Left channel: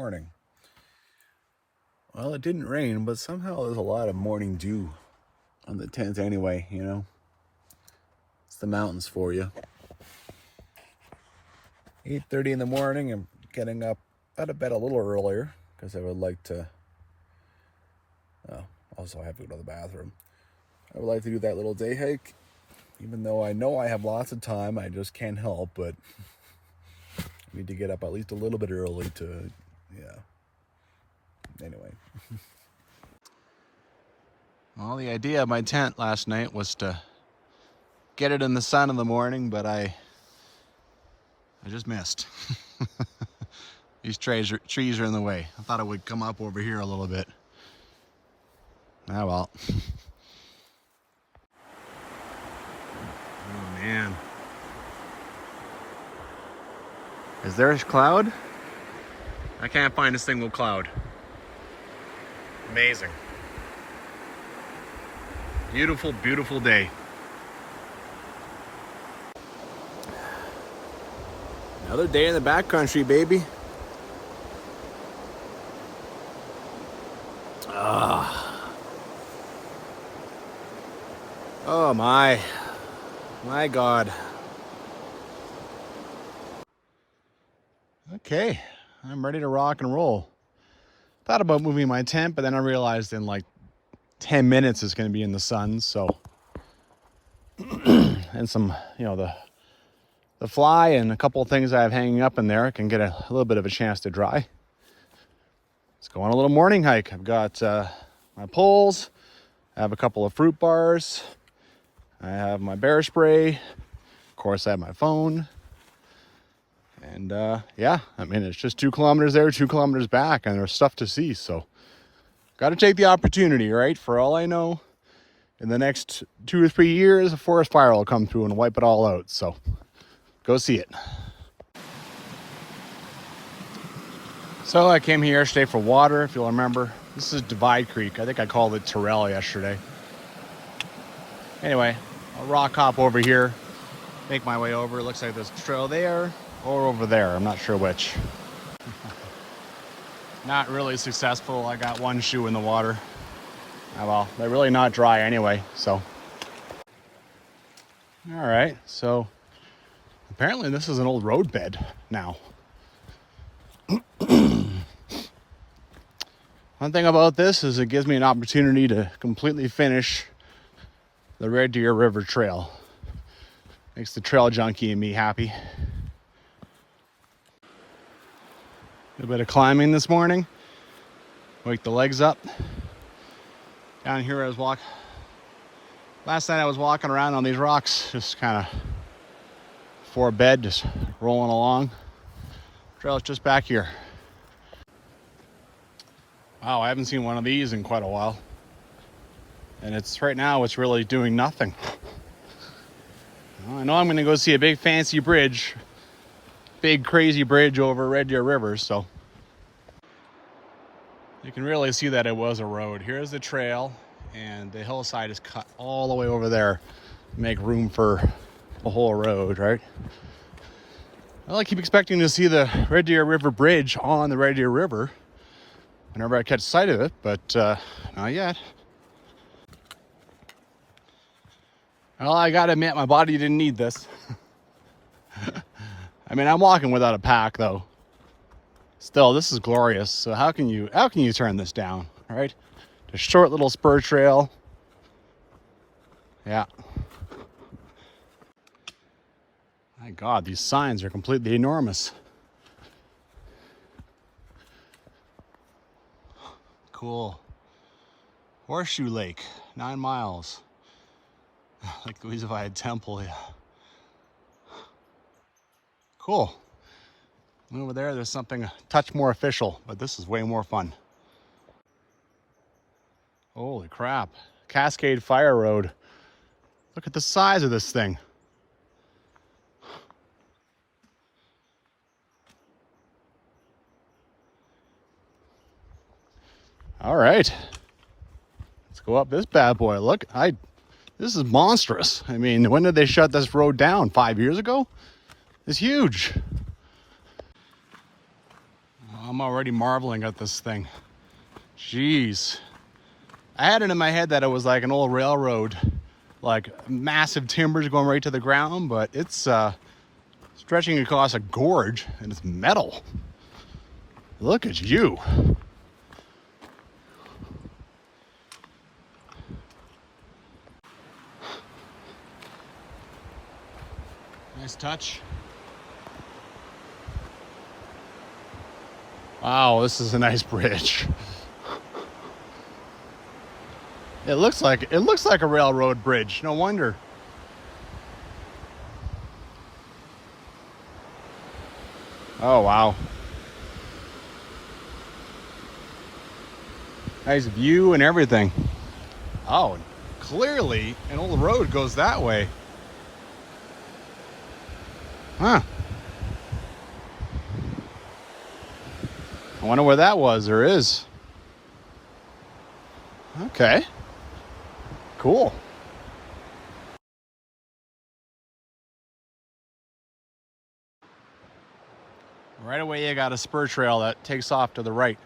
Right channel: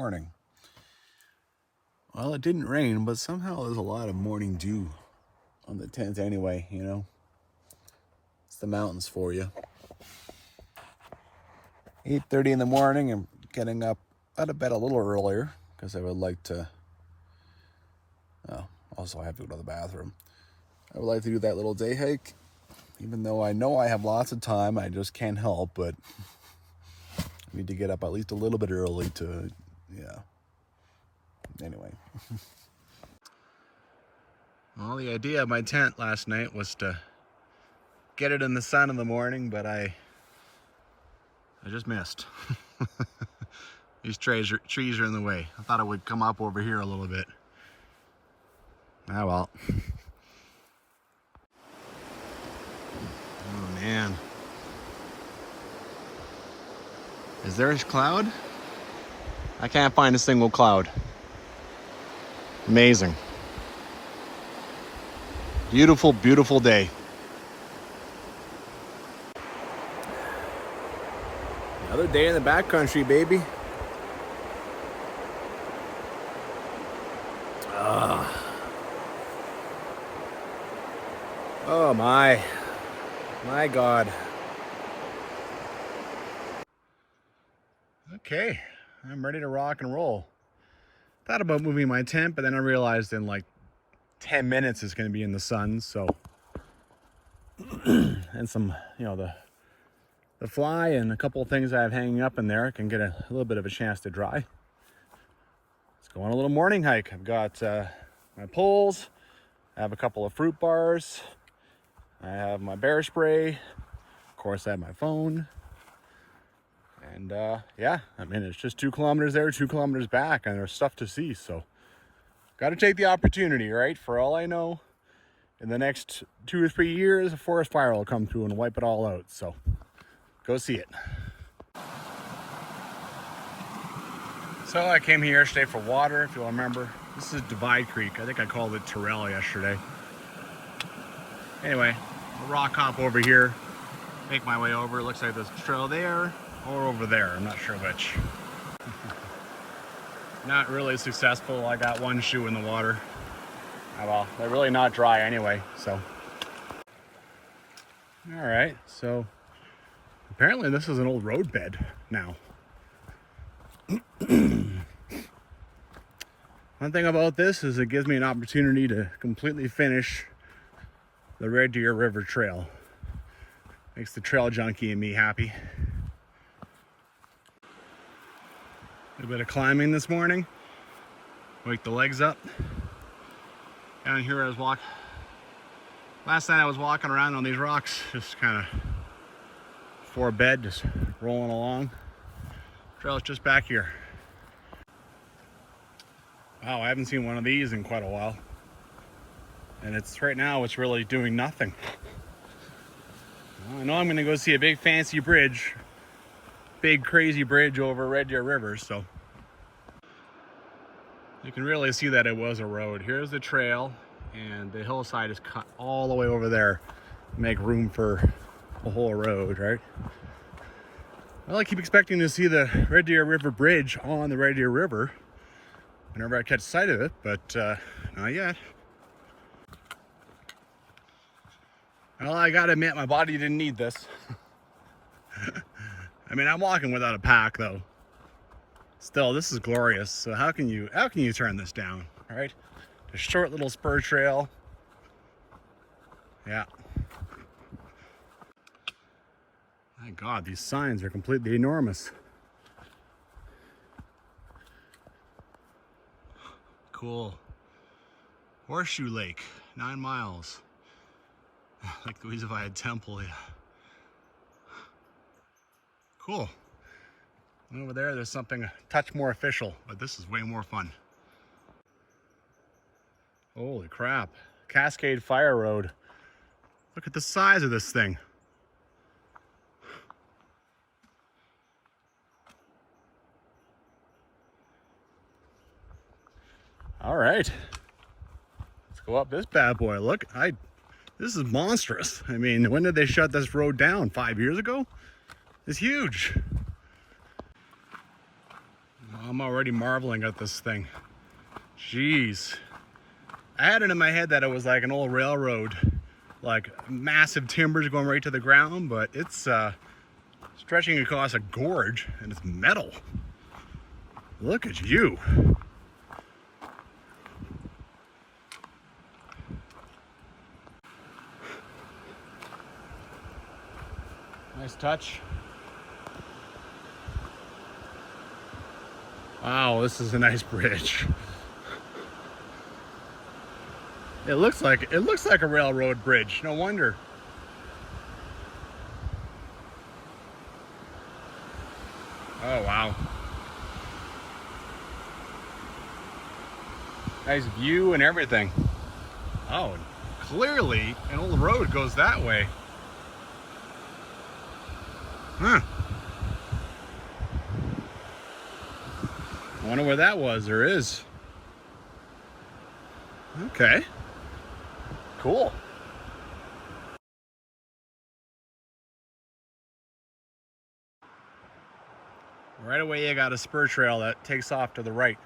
morning. Well, it didn't rain, but somehow there's a lot of morning dew on the 10th anyway, you know. It's the mountains for you. 8:30 in the morning. I'm getting up out of bed a little earlier because I would like to, also I have to go to the bathroom. I would like to do that little day hike, even though I know I have lots of time. I just can't help but I need to get up at least a little bit early to, Anyway. Well, the idea of my tent last night was to get it in the sun in the morning, but I just missed. These trees are in the way. I thought it would come up over here a little bit. Ah, well. Oh, man. Is there a cloud? I can't find a single cloud. Amazing. Beautiful, beautiful day. Another day in the backcountry, baby. Oh my God. Okay, I'm ready to rock and roll. Thought about moving my tent, but then I realized in like 10 minutes it's going to be in the sun, so and some, the fly and a couple of things I have hanging up in there can get a little bit of a chance to dry. Let's go on a little morning hike. I've got my poles, I have a couple of fruit bars, I have my bear spray, of course I have my phone, and it's just 2 kilometers there, 2 kilometers back, and there's stuff to see, so got to take the opportunity, right? For all I know, in the next 2 or 3 years, a forest fire will come through and wipe it all out, so go see it. So I came here yesterday for water, if you'll remember. This is Divide Creek. I think I called it Terrell yesterday. Anyway, I'll rock hop over here, make my way over. It looks like there's a trail there or over there. I'm not sure which. Not really successful. I got one shoe in the water. Oh well, they're really not dry anyway, so. All right, so apparently this is an old road bed now. One thing about this is it gives me an opportunity to completely finish the Red Deer River Trail. Makes the trail junkie and me happy. A bit of climbing this morning. Wake the legs up. Down here I was walking. Last night I was walking around on these rocks, just kind of for bed, just rolling along. Trail's just back here. Wow, I haven't seen one of these in quite a while. And right now it's really doing nothing. Well, I know I'm gonna go see a big fancy bridge, big crazy bridge over Red Deer River, so you can really see that it was a road. Here's the trail, and the hillside is cut all the way over there to make room for a whole road, right? Well, I keep expecting to see the Red Deer River Bridge on the Red Deer River whenever I catch sight of it, but not yet. Well, I gotta admit, my body didn't need this. I mean, I'm walking without a pack though. Still, this is glorious. So how can you turn this down, right? A short little spur trail. Yeah. My God, these signs are completely enormous. Cool. Horseshoe Lake, 9 miles. Like the Weezefied Temple, yeah. Cool. And over there's something a touch more official, but this is way more fun. Holy crap. Cascade Fire Road. Look at the size of this thing. All right. Let's go up this bad boy. Look, this is monstrous. I mean, when did they shut this road down? 5 years ago? It's huge. I'm already marveling at this thing. Jeez. I had it in my head that it was like an old railroad, like massive timbers going right to the ground, but it's stretching across a gorge and it's metal. Look at you. Nice touch. Wow, this is a nice bridge. It looks like a railroad bridge. No wonder. Oh wow. Nice view and everything. Oh, clearly an old road goes that way. Huh. I wonder where that was or is. Okay. Cool. Right away you got a spur trail that takes off to the right.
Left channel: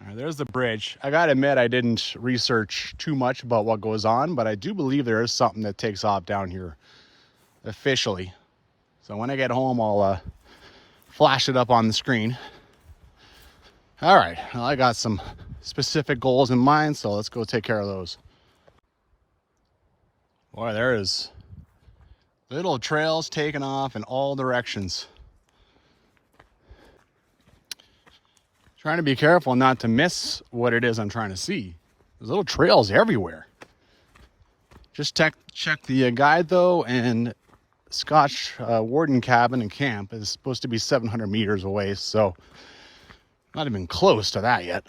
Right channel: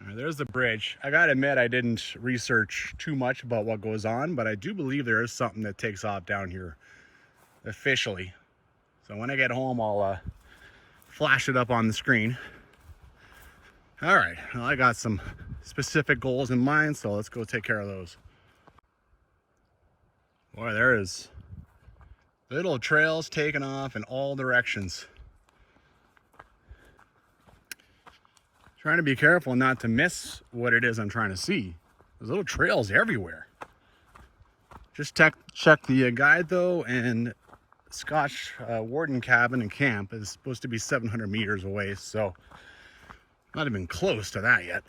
All right, there's the bridge. I gotta admit I didn't research too much about what goes on, but I do believe there is something that takes off down here officially. So when I get home, I'll flash it up on the screen. All right, well, I got some specific goals in mind, so let's go take care of those. Boy, there is little trails taking off in all directions. Trying to be careful not to miss what it is I'm trying to see. There's little trails everywhere. Just check the guide though, and Scotch Warden Cabin and Camp is supposed to be 700 meters away, so not even close to that yet.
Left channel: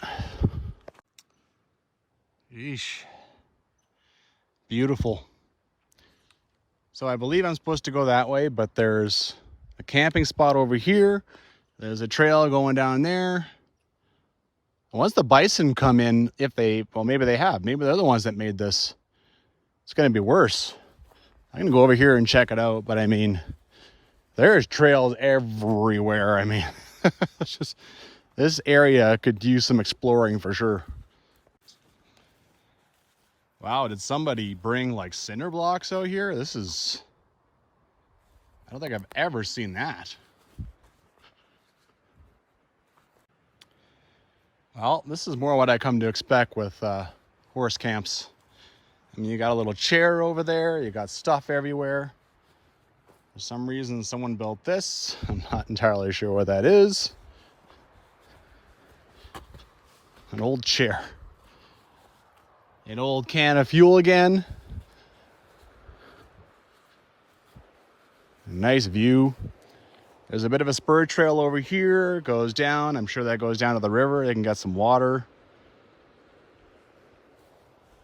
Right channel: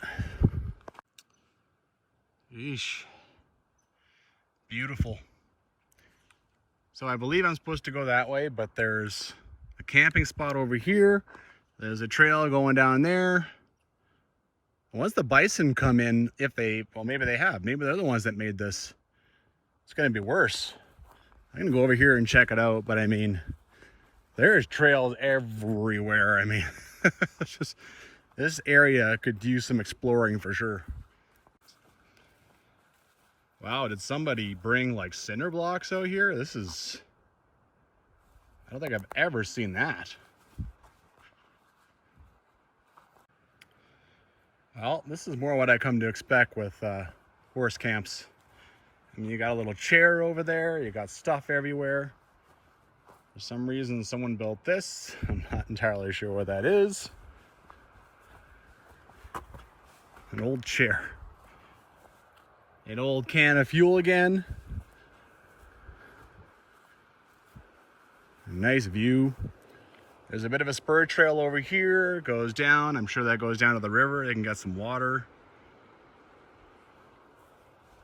Yeesh. Beautiful. So I believe I'm supposed to go that way, but there's a camping spot over here. There's a trail going down there. Once the bison come in, well, maybe they have. Maybe they're the ones that made this. It's going to be worse. I'm going to go over here and check it out, but I mean, there's trails everywhere. I mean, it's just, this area could use some exploring for sure. Wow, did somebody bring like cinder blocks out here? I don't think I've ever seen that. Well, this is more what I come to expect with horse camps. I mean, you got a little chair over there, you got stuff everywhere. For some reason, someone built this. I'm not entirely sure what that is. An old chair. An old can of fuel again. A nice view. There's a bit of a spur trail over here, goes down. I'm sure that goes down to the river. They can get some water.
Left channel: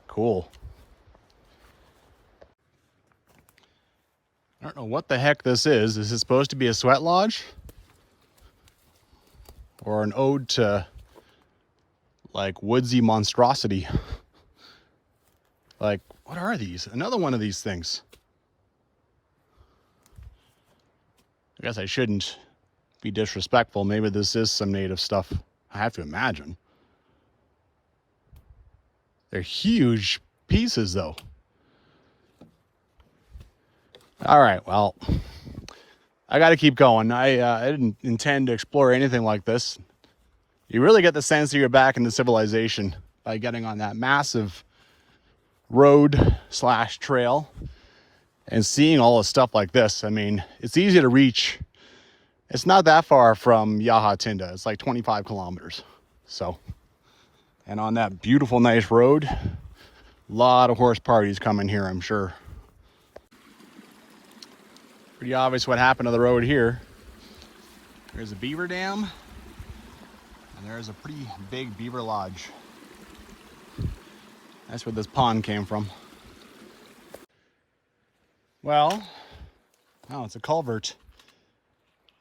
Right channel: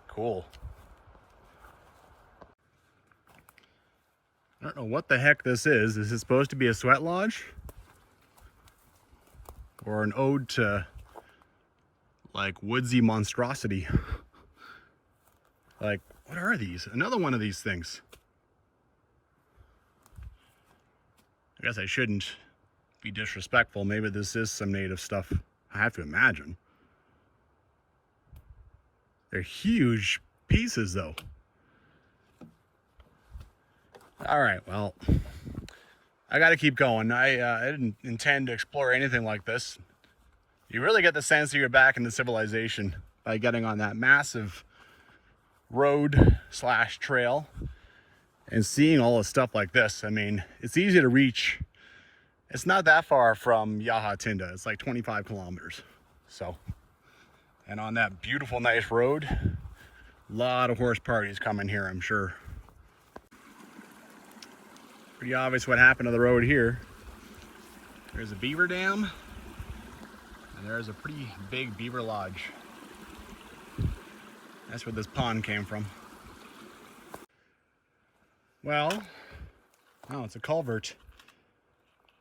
Cool. I don't know what the heck this is. Is it supposed to be a sweat lodge? Or an ode to like woodsy monstrosity? Like, what are these? Another one of these things. I guess I shouldn't be disrespectful. Maybe this is some native stuff. I have to imagine. They're huge pieces though. All right, well, I got to keep going. I didn't intend to explore anything like this. You really get the sense that you're back into civilization by getting on that massive road / trail and seeing all the stuff like this. I mean, it's easy to reach. It's not that far from Yahatinda. It's like 25 kilometers. So, and on that beautiful, nice road, a lot of horse parties coming here, I'm sure. Pretty obvious what happened to the road here. There's a beaver dam, and there's a pretty big beaver lodge. That's where this pond came from. Well, oh, it's a culvert.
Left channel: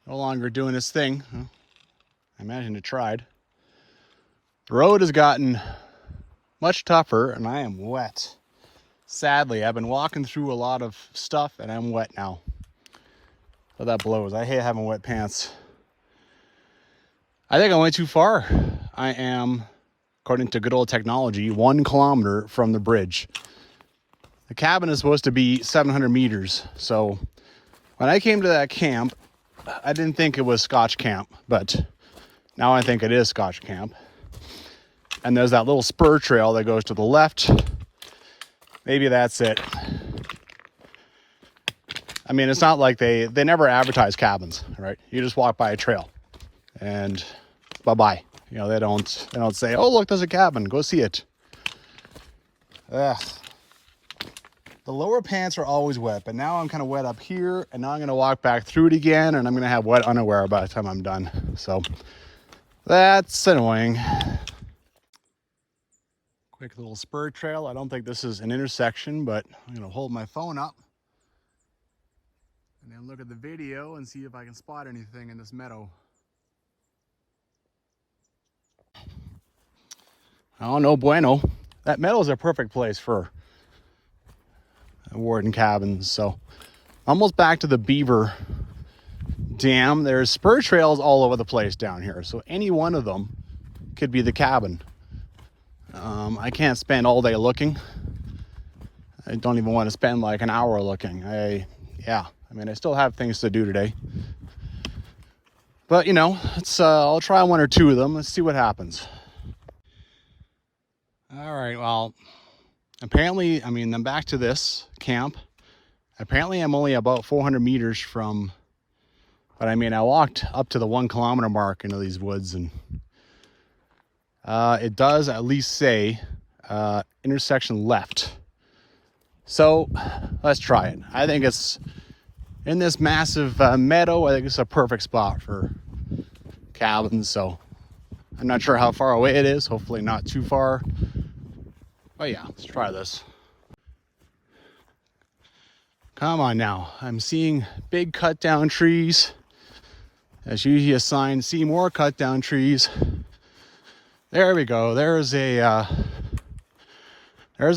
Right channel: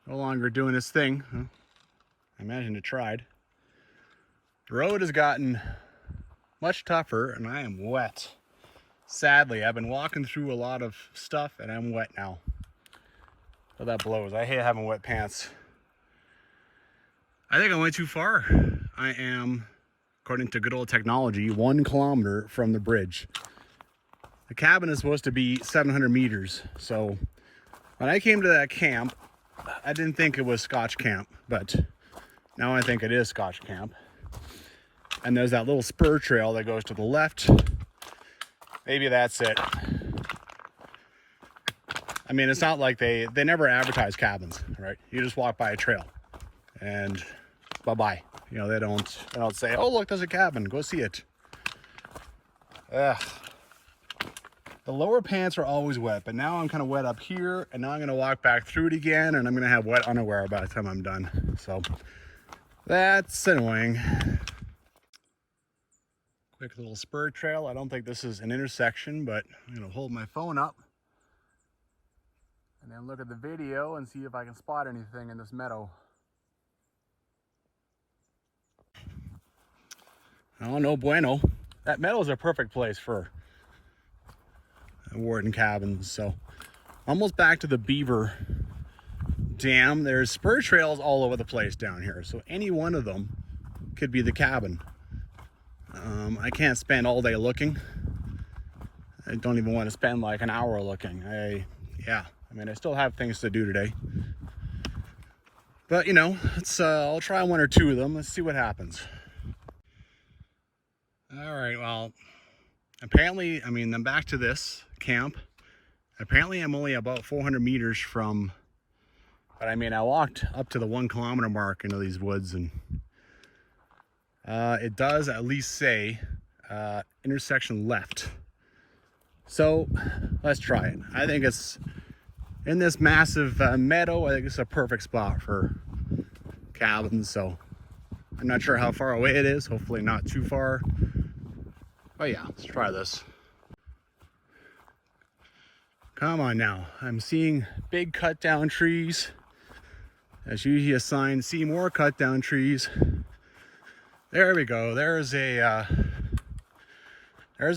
No longer doing its thing. I imagine it tried. The road has gotten much tougher, and I am wet. Sadly, I've been walking through a lot of stuff, and I'm wet now. But that blows. I hate having wet pants. I think I went too far. I am, according to good old technology, 1 kilometer from the bridge. The cabin is supposed to be 700 meters. So when I came to that camp, I didn't think it was Scotch Camp, but now I think it is Scotch Camp. And there's that little spur trail that goes to the left. Maybe that's it. I mean, it's not like they never advertise cabins, right? You just walk by a trail and bye-bye. You know, they don't say, oh, look, there's a cabin, go see it. Ugh. The lower pants are always wet, but now I'm kind of wet up here, and now I'm gonna walk back through it again, and I'm gonna have wet underwear by the time I'm done. So that's annoying. Quick little spur trail. I don't think this is an intersection, but I'm gonna hold my phone up and then look at the video and see if I can spot anything in this meadow. Oh, no bueno. That meadow is a perfect place for Warden cabins. So almost back to the beaver dam. There's spur trails all over the place down here, so any one of them could be the cabin. I can't spend all day looking. I don't even want to spend like an hour looking. I mean, I still have things to do today, but you know, I'll try 1 or 2 of them. Let's see what happens. All right, well, apparently, I mean, I'm back to this camp. Apparently I'm only about 400 meters from, but I mean, I walked up to the 1 kilometer mark into these woods, and it does at least say intersection left. So let's try it. I think it's in this massive meadow. I think it's a perfect spot for cabins. So I'm not sure how far away it is. Hopefully not too far. But yeah, let's try this. Come on now. I'm seeing big cut down trees. That's usually a sign. See more cut down trees. There we go. There's a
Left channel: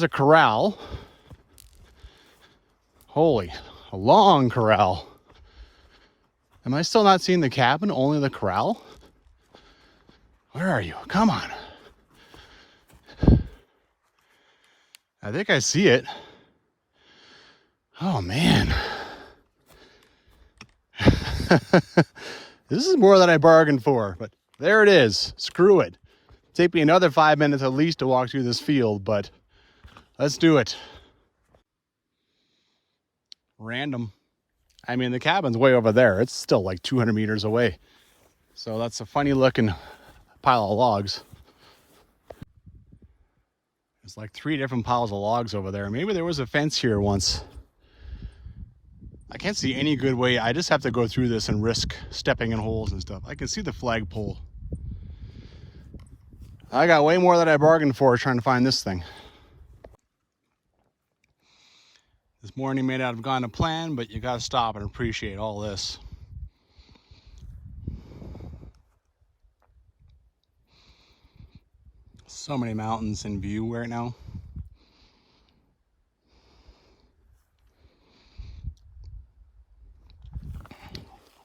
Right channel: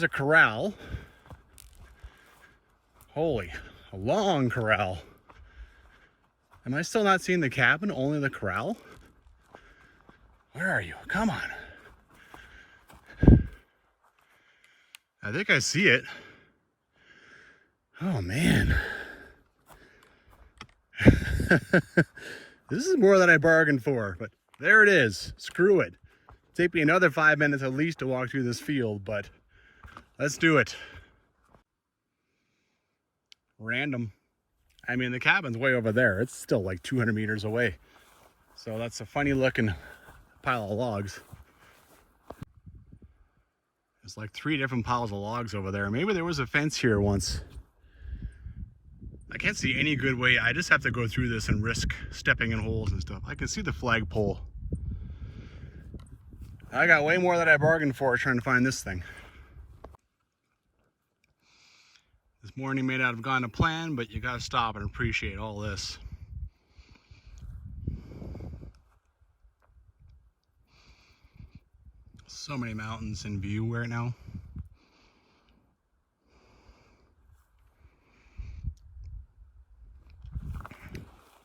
corral. Holy, a long corral. Am I still not seeing the cabin, only the corral? Where are you? Come on. I think I see it. Oh man. This is more than I bargained for, but there it is. Screw it. Take me another 5 minutes at least to walk through this field, but let's do it. Random. I mean, the cabin's way over there. It's still like 200 meters away. So that's a funny looking pile of logs. There's like 3 different piles of logs over there. Maybe there was a fence here once. I can't see any good way. I just have to go through this and risk stepping in holes and stuff. I can see the flagpole. I got way more than I bargained for trying to find this thing. This morning may not have gone to plan, but you gotta stop and appreciate all this. So many mountains in view right now.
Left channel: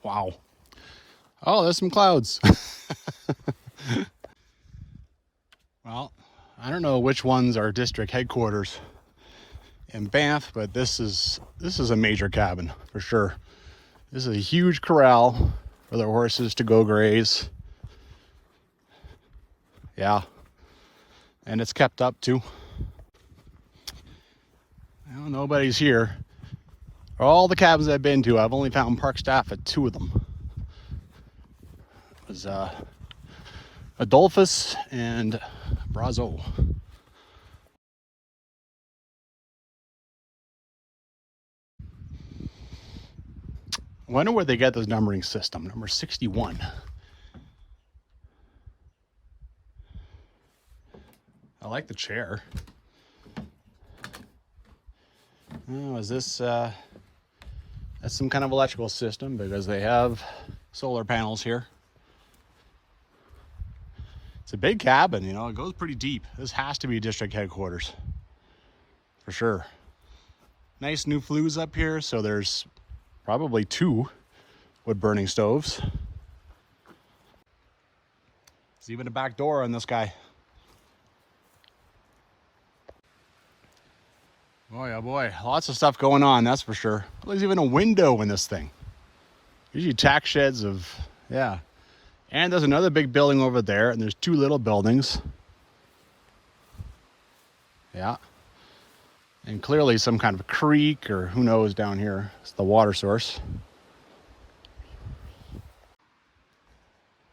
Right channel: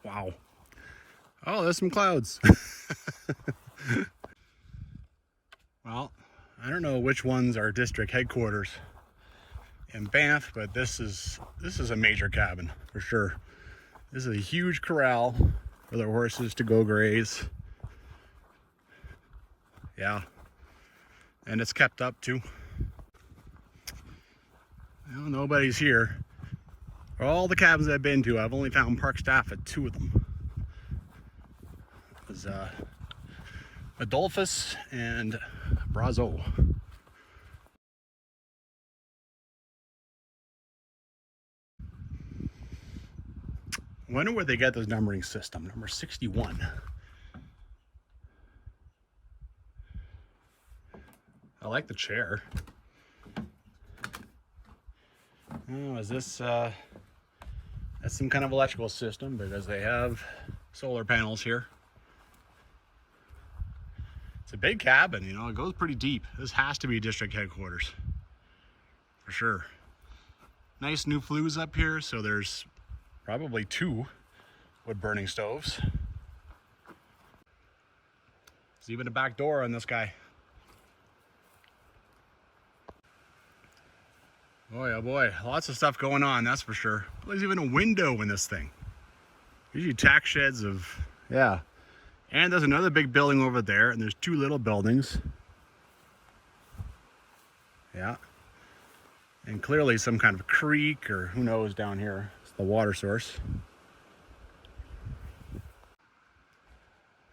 Wow. Oh, there's some clouds. Well, I don't know which ones are district headquarters in Banff, but this is a major cabin for sure. This is a huge corral for their horses to go graze. Yeah. And it's kept up too. Well, nobody's here. All the cabins I've been to, I've only found park staff at 2 of them. It was Adolphus and Brazo. I wonder where they get this numbering system. Number 61. I like the chair. Oh, is this that's some kind of electrical system, because they have solar panels here. It's a big cabin, you know, it goes pretty deep. This has to be district headquarters for sure. Nice new flues up here, so there's probably 2 wood burning stoves. There's even a back door on this guy. Boy, oh boy, lots of stuff going on, that's for sure. There's even a window in this thing. Usually tack sheds of, yeah. And there's another big building over there, and there's two little buildings. Yeah. And clearly some kind of creek or who knows down here. It's the water source.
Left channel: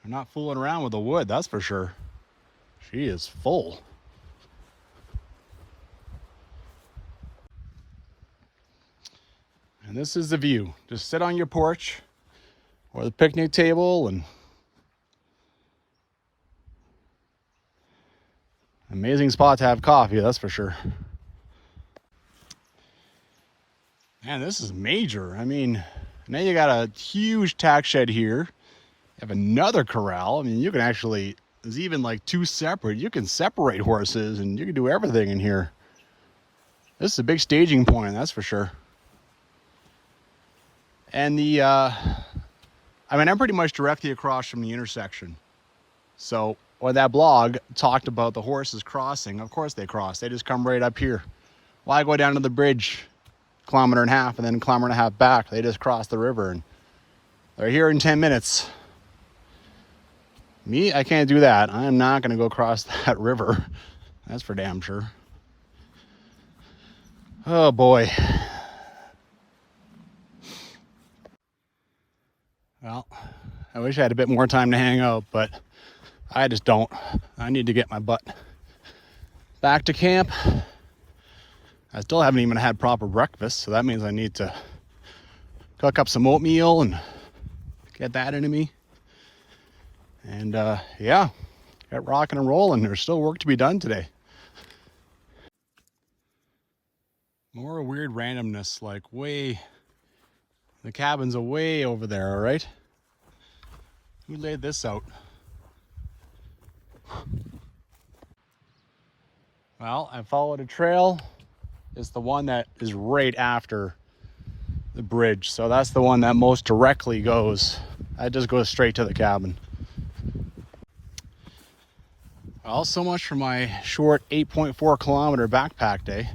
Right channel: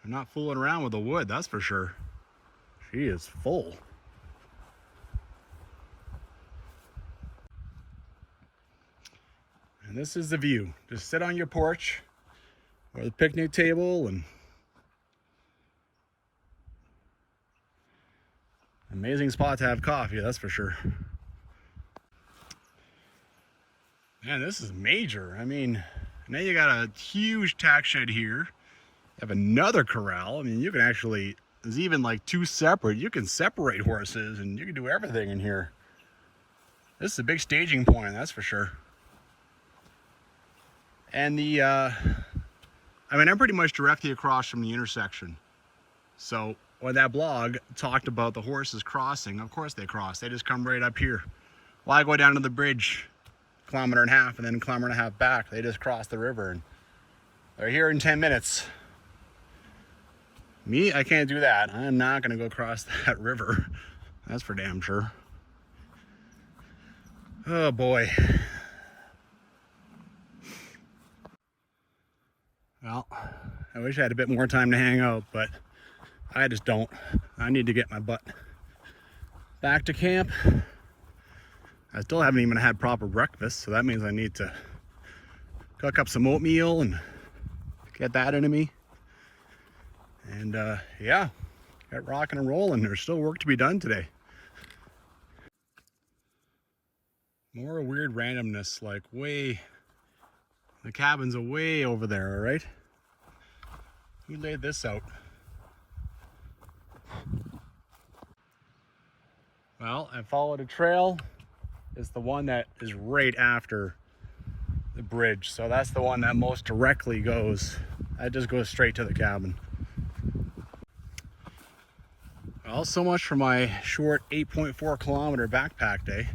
I'm not fooling around with the wood, that's for sure. She is full. And this is the view. Just sit on your porch or the picnic table and amazing spot to have coffee, that's for sure. Man, this is major. I mean, now you got a huge tack shed here. You have another corral. I mean, you can actually, there's even like two separate. You can separate horses and you can do everything in here. This is a big staging point, that's for sure. And the, I mean, I'm pretty much directly across from the intersection. So when that blog talked about the horses crossing, of course they cross. They just come right up here. Why go down to the bridge, 1.5 kilometers and then 1.5 kilometers back? They just cross the river and they're here in 10 minutes. Me, I can't do that. I'm not gonna go across that river. That's for damn sure. Oh boy. Well, I wish I had a bit more time to hang out, but I just don't. I need to get my butt back to camp. I still haven't even had proper breakfast, so that means I need to cook up some oatmeal and get that into me. And yeah, get rocking and rolling. There's still work to be done today. More weird randomness, like the cabin's way over there, all right? Who laid this out? Well, I followed a trail. It's the one that is right after the bridge. So that's the one that most directly goes. That just goes straight to the cabin. Well, so much for my short 8.4 kilometer backpack day.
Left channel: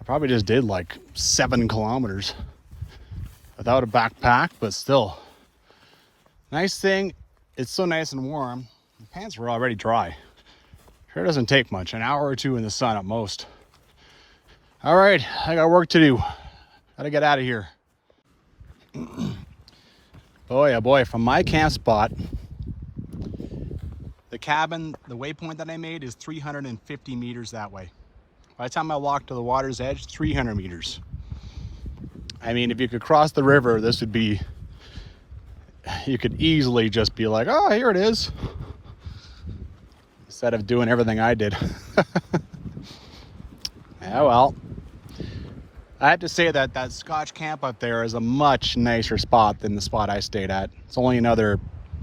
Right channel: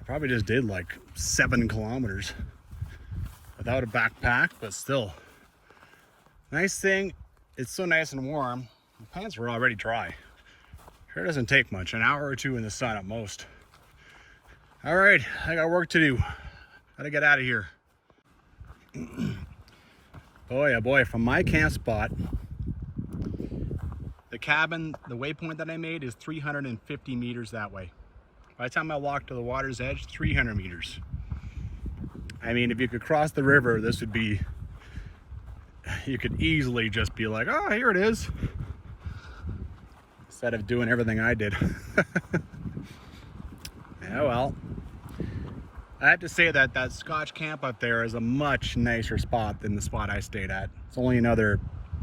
I probably just did like 7 kilometers without a backpack, but still. Nice thing, it's so nice and warm. The pants were already dry. Sure doesn't take much, an hour or two in the sun at most. All right, I got work to do. Gotta get out of here. Boy, oh boy, from my camp spot, the cabin, the waypoint that I made is 350 meters that way. By the time I walk to the water's edge, 300 meters. I mean, if you could cross the river, this would be, you could easily just be like, oh, here it is. Instead of doing everything I did. Yeah, well, I have to say that that Scotch Camp up there is a much nicer spot than the spot I stayed at. It's only another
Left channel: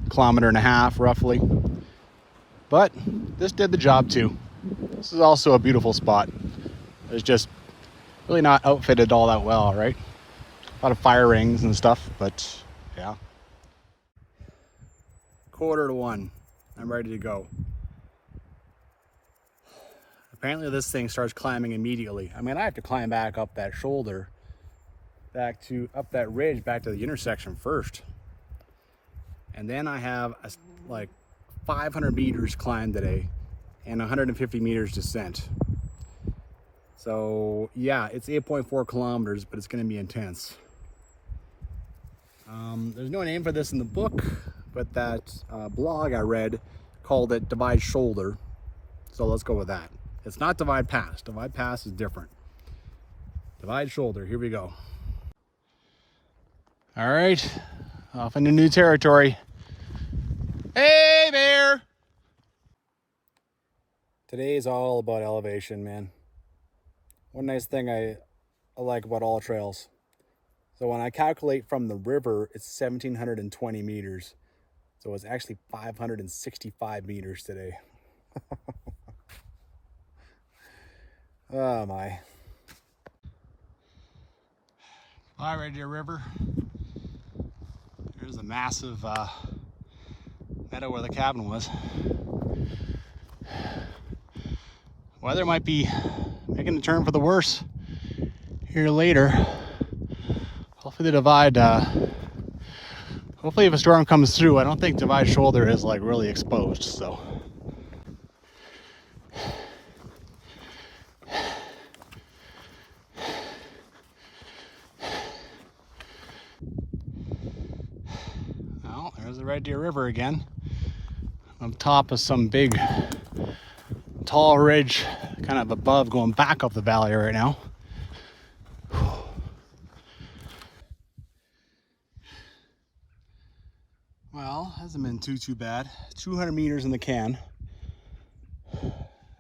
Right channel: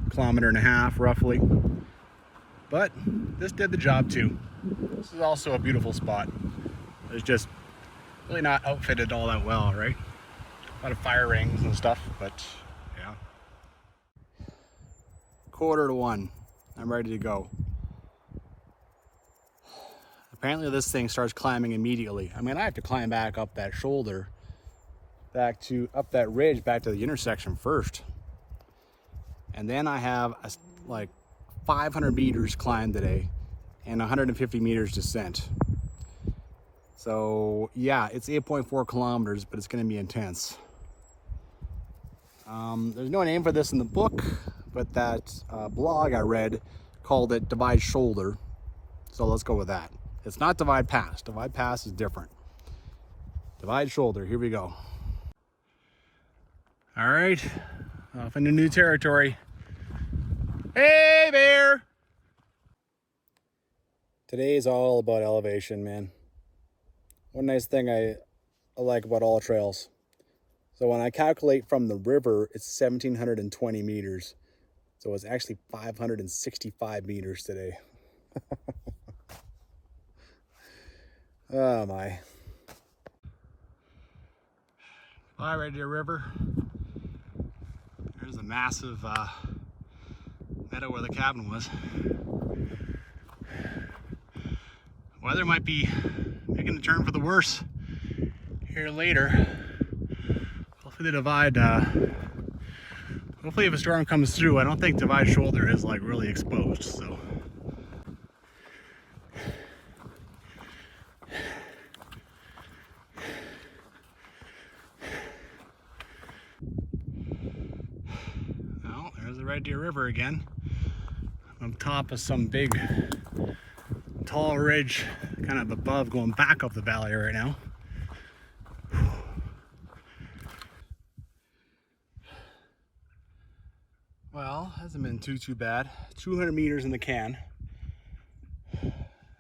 1.5 kilometers roughly. But this did the job too. This is also a beautiful spot. It's just really not outfitted all that well, right? A lot of fire rings and stuff, but yeah. 1:45. I'm ready to go. Apparently this thing starts climbing immediately. I mean, I have to climb back up that shoulder, up that ridge, back to the intersection first. And then I have like 500 meters climb today and 150 meters descent. So yeah, it's 8.4 kilometers, but it's gonna be intense. There's no name for this in the book, but that blog I read called it Divide Shoulder. So let's go with that. It's not Divide Pass. Divide Pass is different. Divide Shoulder, here we go. All right, off into new territory. Hey, bear! Today is all about elevation, man. One nice thing I like about all trails. So when I calculate from the river, it's 1,720 meters. So it's actually 565 meters today. Oh my. Hi, Red Deer River. There's a massive meadow where the cabin was. Weather might be making a turn for the worse here later. Hopefully the divide, hopefully if a storm comes through, I don't think divide shoulder is like really exposed, so. Well, there's the Red Deer River again. On top of some big, tall ridge, kind of above, going back up the valley right now. Well, hasn't been too bad. 200 meters in the can.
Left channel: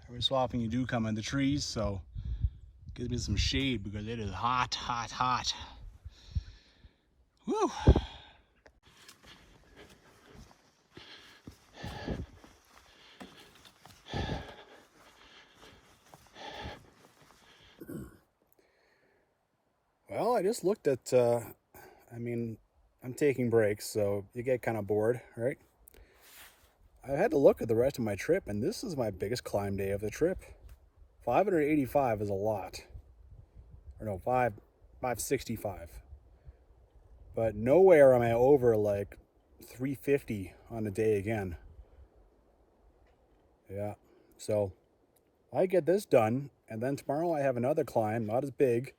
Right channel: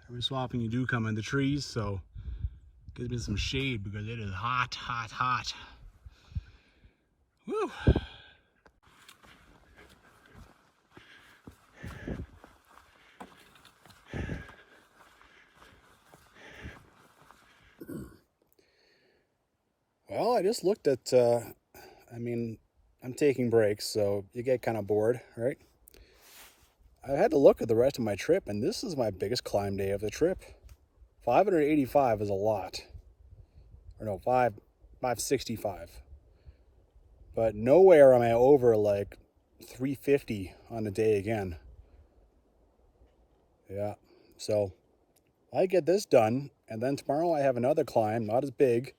Every so often you do come in the trees, so gives me some shade because it is hot, hot, hot. Woo! Well, I just looked at, I'm taking breaks, so you get kind of bored, right? I had to look at the rest of my trip, and this is my biggest climb day of the trip. 585 is a lot. Or no, 565. But nowhere am I over like 350 on the day again. Yeah, so I get this done, and then tomorrow I have another climb, not as big.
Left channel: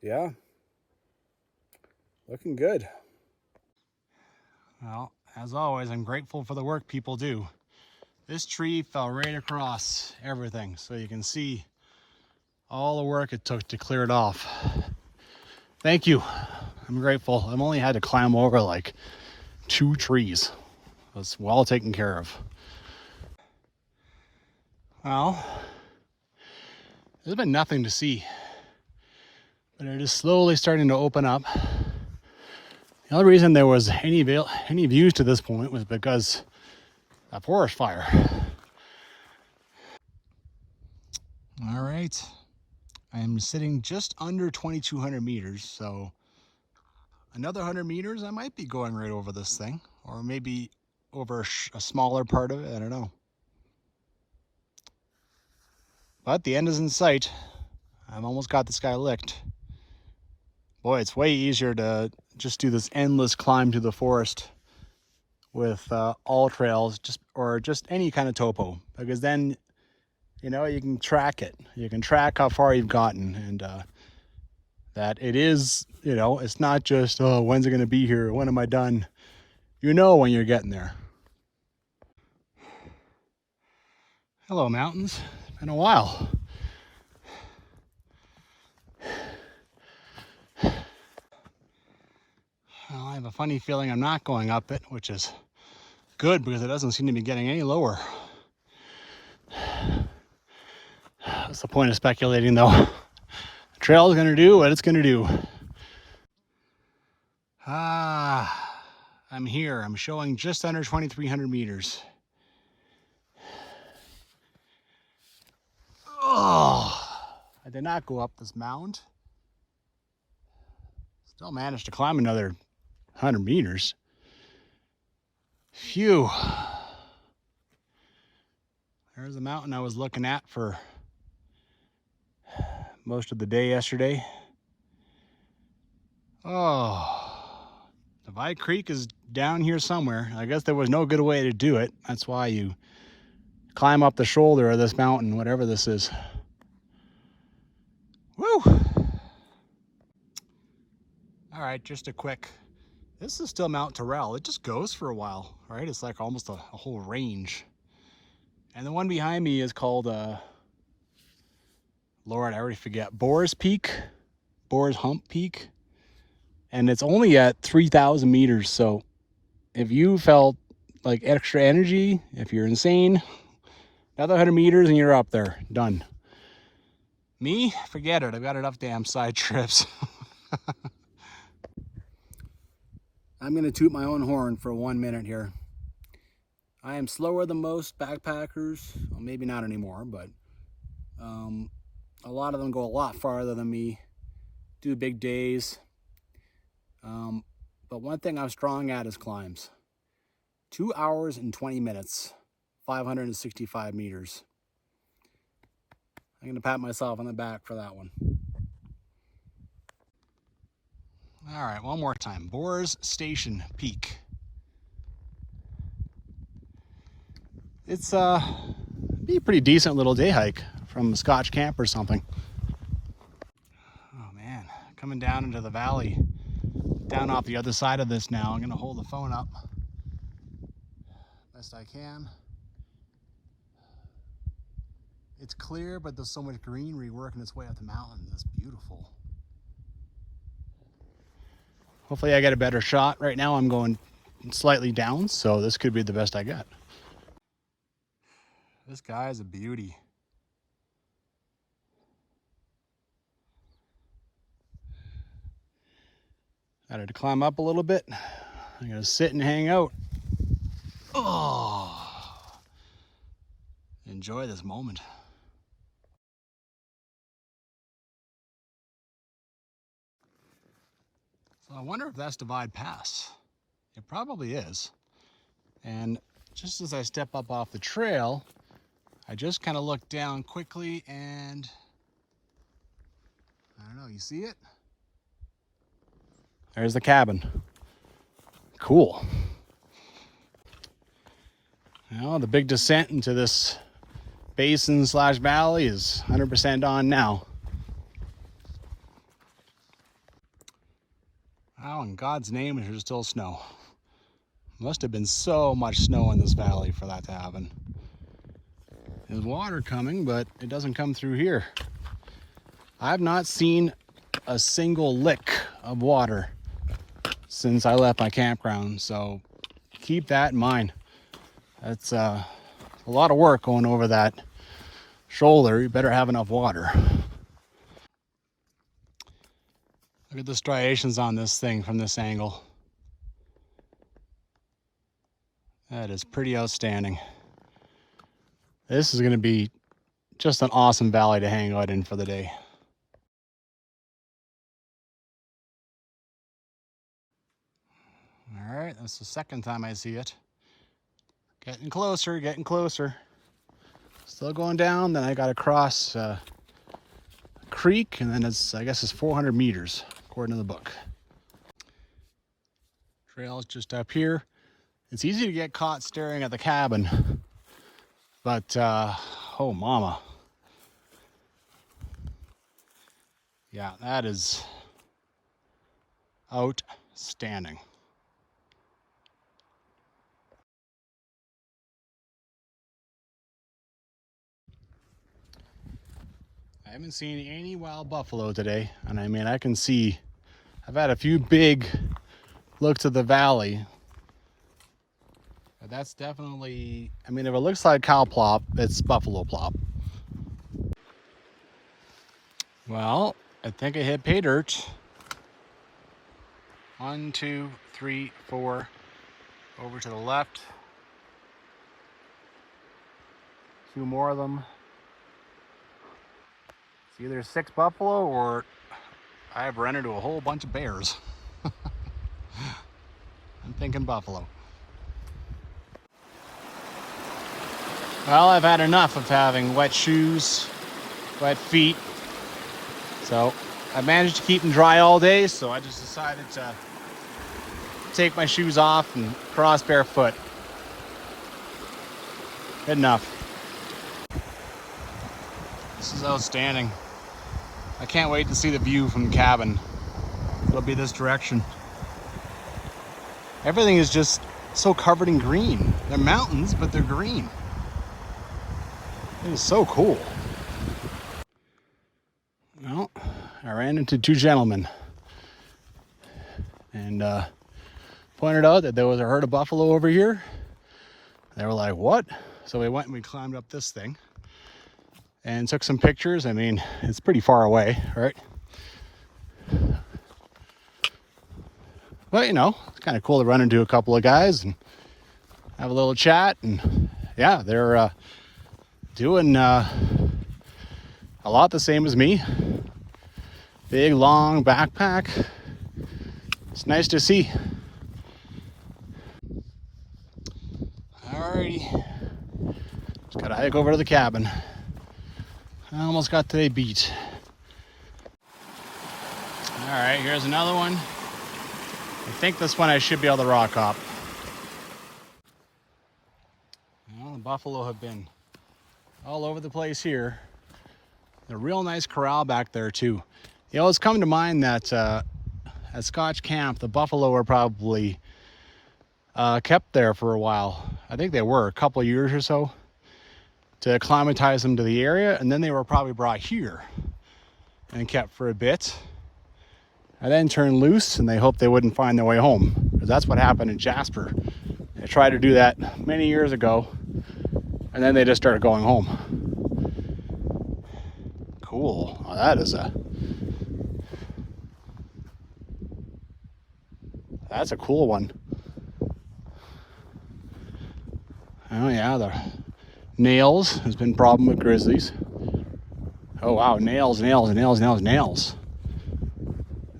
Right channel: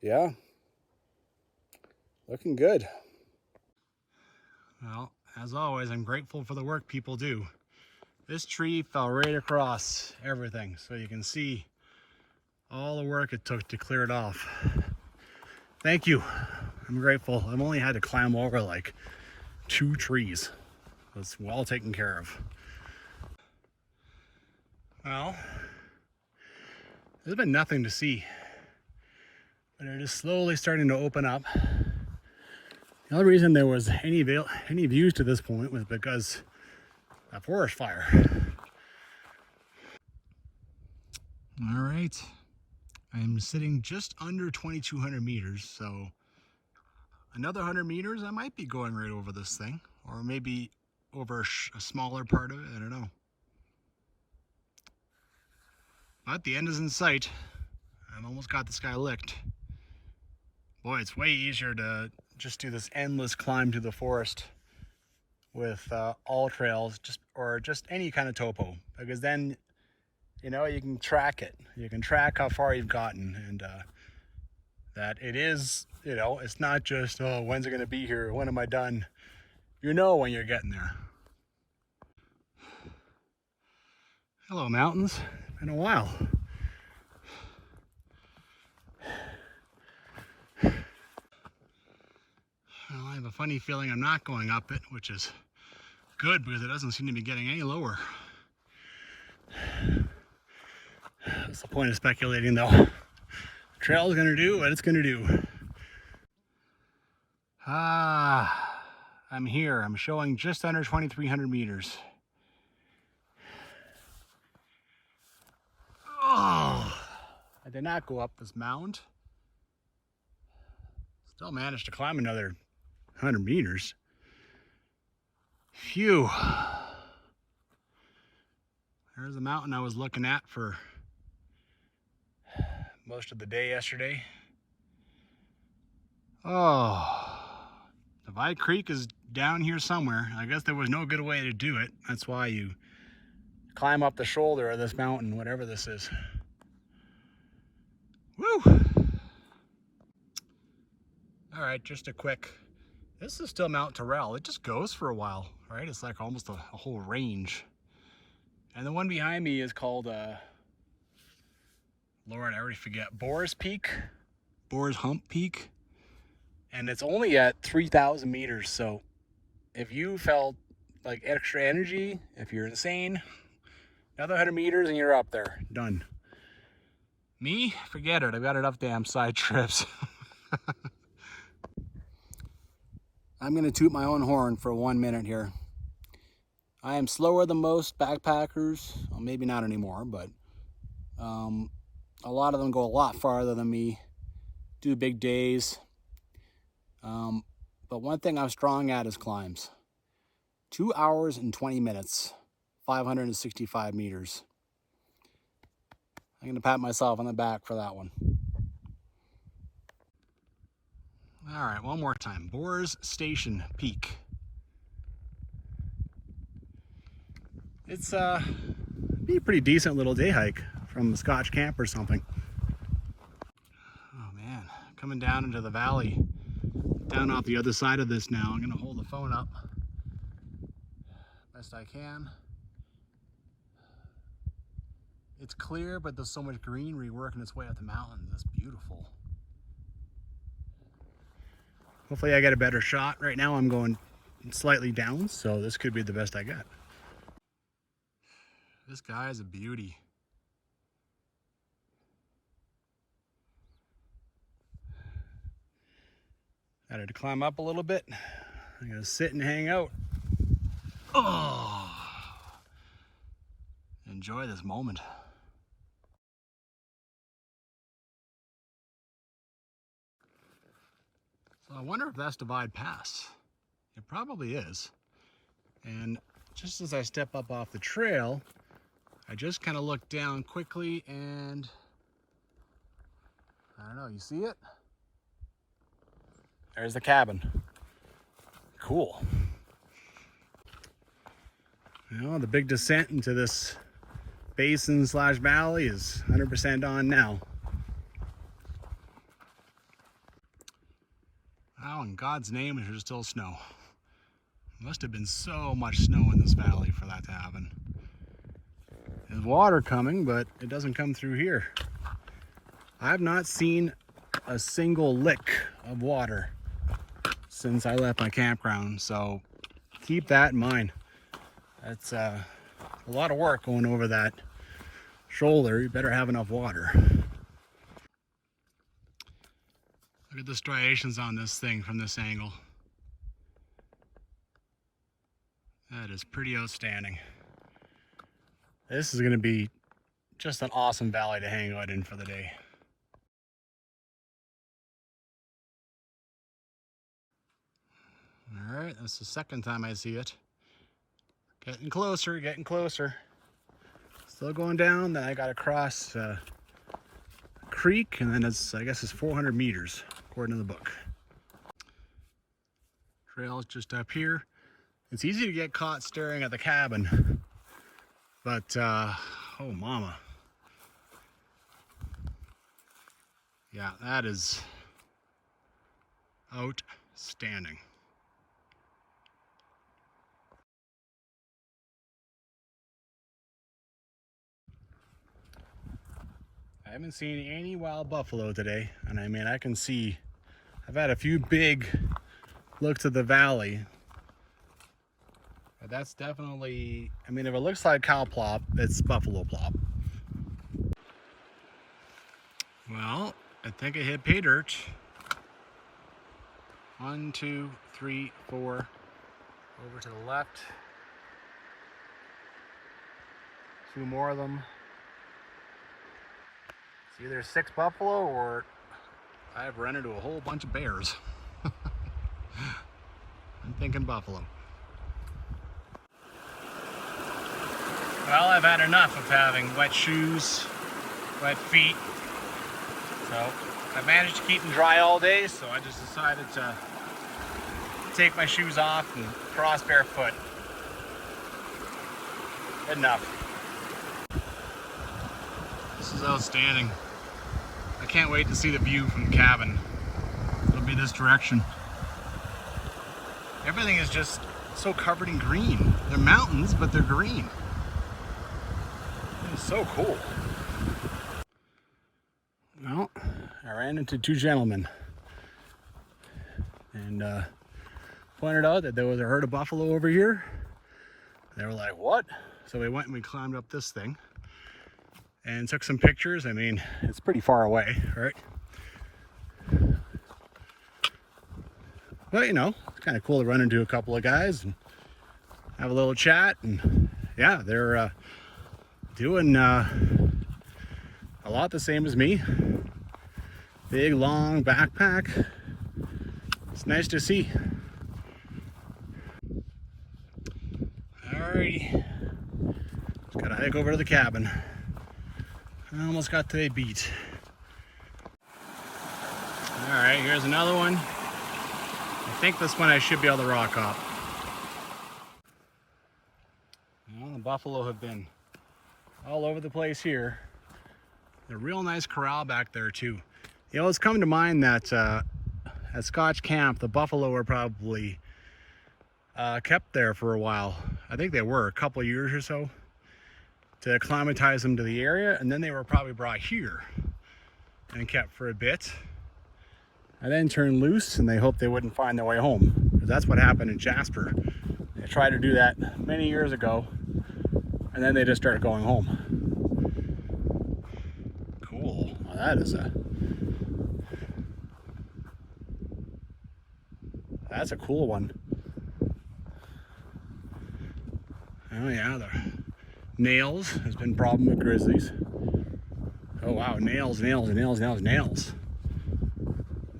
Yeah, looking good. Well, as always, I'm grateful for the work people do. This tree fell right across everything, so you can see all the work it took to clear it off. Thank you. I'm grateful. I've only had to climb over like 2 trees. It's well taken care of. Well, there's been nothing to see, but it is slowly starting to open up. The only reason there was any views to this point was because that forest fire. All right, I am sitting just under 2,200 meters, so another 100 meters, I might be going right over this thing, or maybe over a smaller part of it, I don't know. But the end is in sight. I've almost got this guy licked. Boy, it's way easier to just do this endless climb to the forest with all trails, or just any kind of topo, because then, you know, you can track it. You can track how far you've gotten, and that it is, you know, it's not just, oh, when's it going to be here? When am I done? You know when you're getting there. Hello, mountains. It's been a while. Well, I have a funny feeling I'm not going up it, which is good because it doesn't seem to be getting any lower. That's the point of speculating, though. The trail is going to do what it's going to do. I'm here. I'm showing just under 2,300 meters. Oh, I did not go up this mound. Still managed to climb another 100 meters. Phew. There's the mountain I was looking at for most of the day yesterday. Oh, Divide Creek is down here somewhere. I guess there was no good way to do it. That's why you climb up the shoulder of this mountain, whatever this is. Woo! All right, just a quick, this is still Mount Terrell. It just goes for a while, right? It's like almost a whole range. And the one behind me is called, Lord, I already forget, Boar's Hump Peak. And it's only at 3,000 meters. So if you felt like extra energy, if you're insane, another 100 meters and you're up there, done. Me, forget it. I've got enough damn side trips. I'm gonna toot my own horn for 1 minute here. I am slower than most backpackers. Well, maybe not anymore, but a lot of them go a lot farther than me, do big days. But one thing I'm strong at is climbs. 2 hours and 20 minutes, 565 meters. I'm gonna pat myself on the back for that one. All right, one more time. Boars Station Peak. It's be a pretty decent little day hike from Scotch Camp or something. Oh man, coming down into the valley, down off the other side of this now. I'm gonna hold the phone up best I can. It's clear, but there's so much greenery working its way up the mountains. It's beautiful. Hopefully I get a better shot. Right now I'm going slightly down, so this could be the best I got. This guy is a beauty. I had to climb up a little bit. I'm gonna sit and hang out. Oh, enjoy this moment. So I wonder if that's Divide Pass. It probably is. And just as I step up off the trail, I just kind of look down quickly and I don't know, you see it? There's the cabin. Cool. Well, the big descent into this basin slash valley is 100% on now. How in God's name is there still snow? Must have been so much snow in this valley for that to happen. There's water coming, but it doesn't come through here. I've not seen a single lick of water since I left my campground, so keep that in mind. That's a lot of work going over that shoulder. You better have enough water. Look at the striations on this thing from this angle. That is pretty outstanding. This is going to be just an awesome valley to hang out in for the day. All right, that's the second time I see it. Getting closer, getting closer. Still going down, then I got to cross a creek, and then I guess it's 400 meters, according to the book. Trail's just up here. It's easy to get caught staring at the cabin, but oh mama. Yeah, that is outstanding. I haven't seen any wild buffalo today, and I mean, I can see, I've had a few big looks at the valley, but that's definitely, I mean, if it looks like cow plop, it's buffalo plop. Well, I think I hit pay dirt. 1, 2, 3, 4, over to the left. 2 more of them. It's either 6 buffalo or I've run into a whole bunch of bears. I'm thinking buffalo. Well, I've had enough of having wet shoes, wet feet. So I managed to keep them dry all day, so I just decided to take my shoes off and cross barefoot. Good enough. This is outstanding. I can't wait to see the view from the cabin. It'll be this direction. Everything is just so covered in green. They're mountains, but they're green. It is so cool. Well, I ran into 2 gentlemen and pointed out that there was a herd of buffalo over here. They were like, what? So we went and we climbed up this thing and took some pictures. I mean, it's pretty far away, right? But you know, it's kind of cool to run into a couple of guys and have a little chat. And yeah, they're doing a lot the same as me. Big long backpack. It's nice to see. Alrighty, just gotta hike over to the cabin. I almost got today beat. All right, here's another one. I think this one I should be able to rock up. Well, the buffalo have been all over the place here. A real nice corral back there too. You know, it's come to mind that at Scotch Camp, the buffalo were probably kept there for a while. I think they were a couple of years or so to acclimatize them to the area, and then they were probably brought here and kept for a bit and then turned loose, and they hoped they wouldn't find their way home. Because that's what happened in Jasper. They tried to do that many years ago, and then they just started going home. Cool. Oh, that's a cool one. Oh yeah, the nails has been a problem with grizzlies. Oh wow, nails.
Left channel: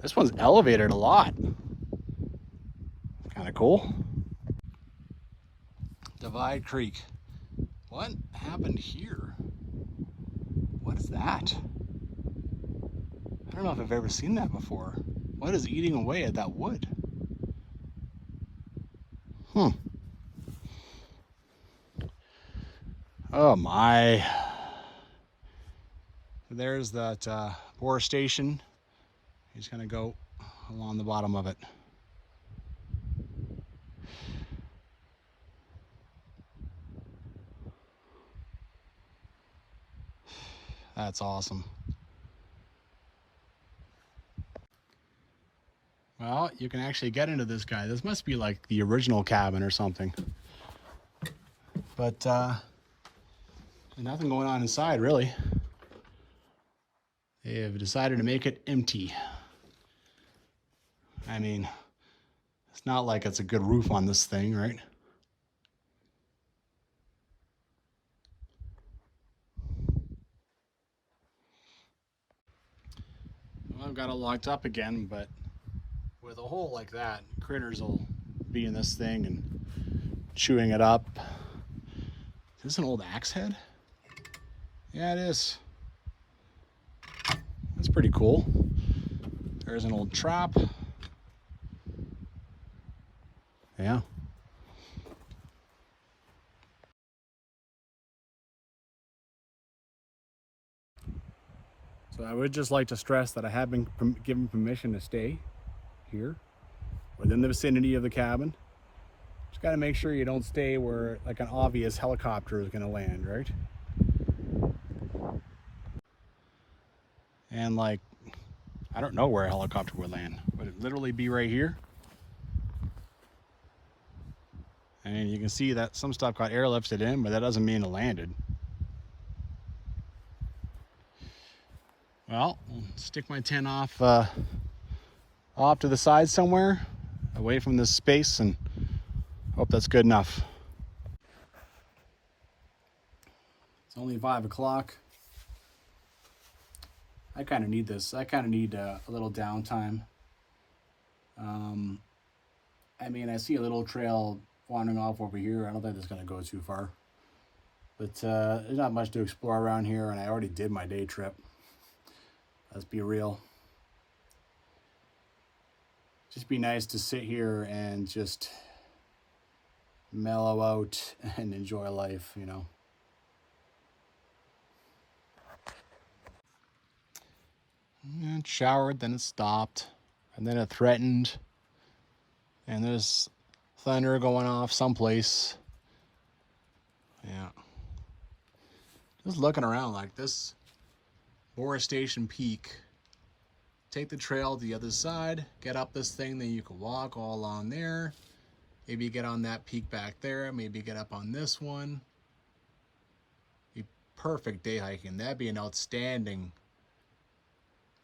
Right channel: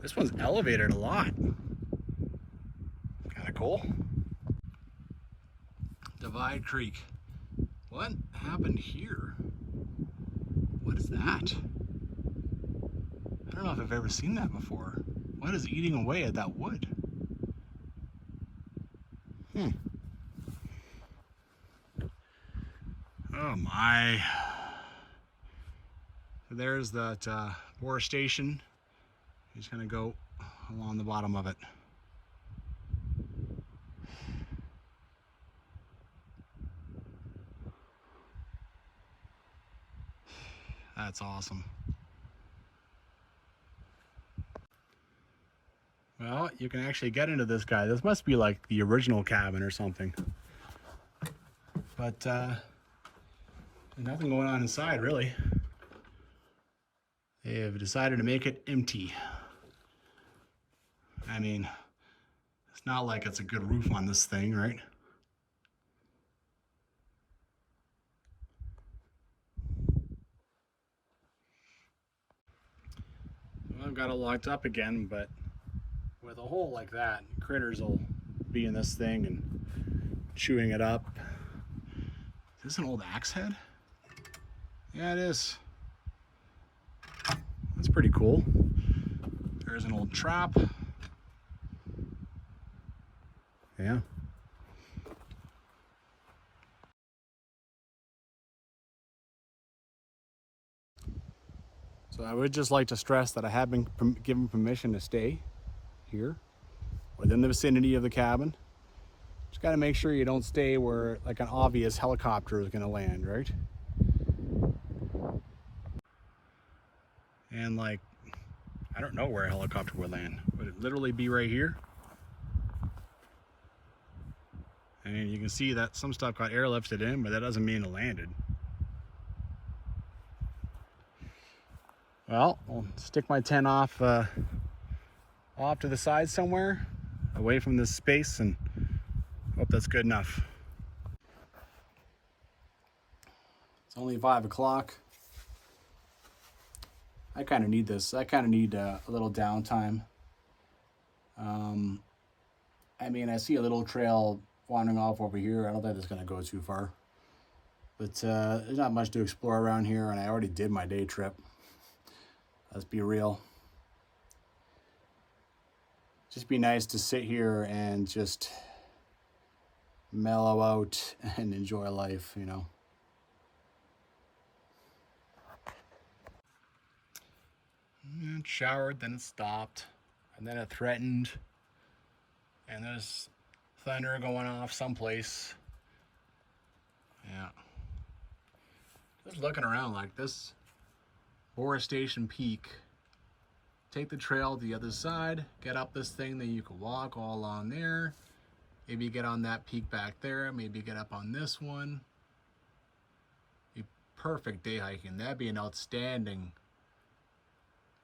This one's elevated a lot. Kind of cool. Divide Creek. What happened here? What is that? I don't know if I've ever seen that before. What is eating away at that wood? Oh my. There's that bore station. He's gonna go along the bottom of it. That's awesome. Well, you can actually get into this guy. This must be like the original cabin or something. But there's nothing going on inside, really. They have decided to make it empty. I mean, it's not like it's a good roof on this thing, right? Well, I've got it locked up again, but with a hole like that, critters will be in this thing and chewing it up. Is this an old axe head? Yeah, it is. That's pretty cool. There's an old trap. Yeah. So I would just like to stress that I have been given permission to stay here within the vicinity of the cabin. Just got to make sure you don't stay where like an obvious helicopter is going to land, right? And like, I don't know where a helicopter would land. Would it literally be right here? And you can see that some stuff got airlifted in, but that doesn't mean it landed. Well, I'll stick my tent off to the side somewhere, away from this space, and hope that's good enough. It's only 5 o'clock. I kind of need this. I kind of need a little downtime. I mean, I see a little trail wandering off over here. I don't think it's going to go too far. But there's not much to explore around here, and I already did my day trip. Let's be real. Just be nice to sit here and just mellow out and enjoy life, you know. And it showered, then it stopped, and then it threatened, and there's thunder going off someplace. Yeah. Just looking around like this. Bore Station Peak. Take the trail to the other side, get up this thing, then you can walk all along there. Maybe get on that peak back there, maybe get up on this one. Be perfect day hiking. That'd be an outstanding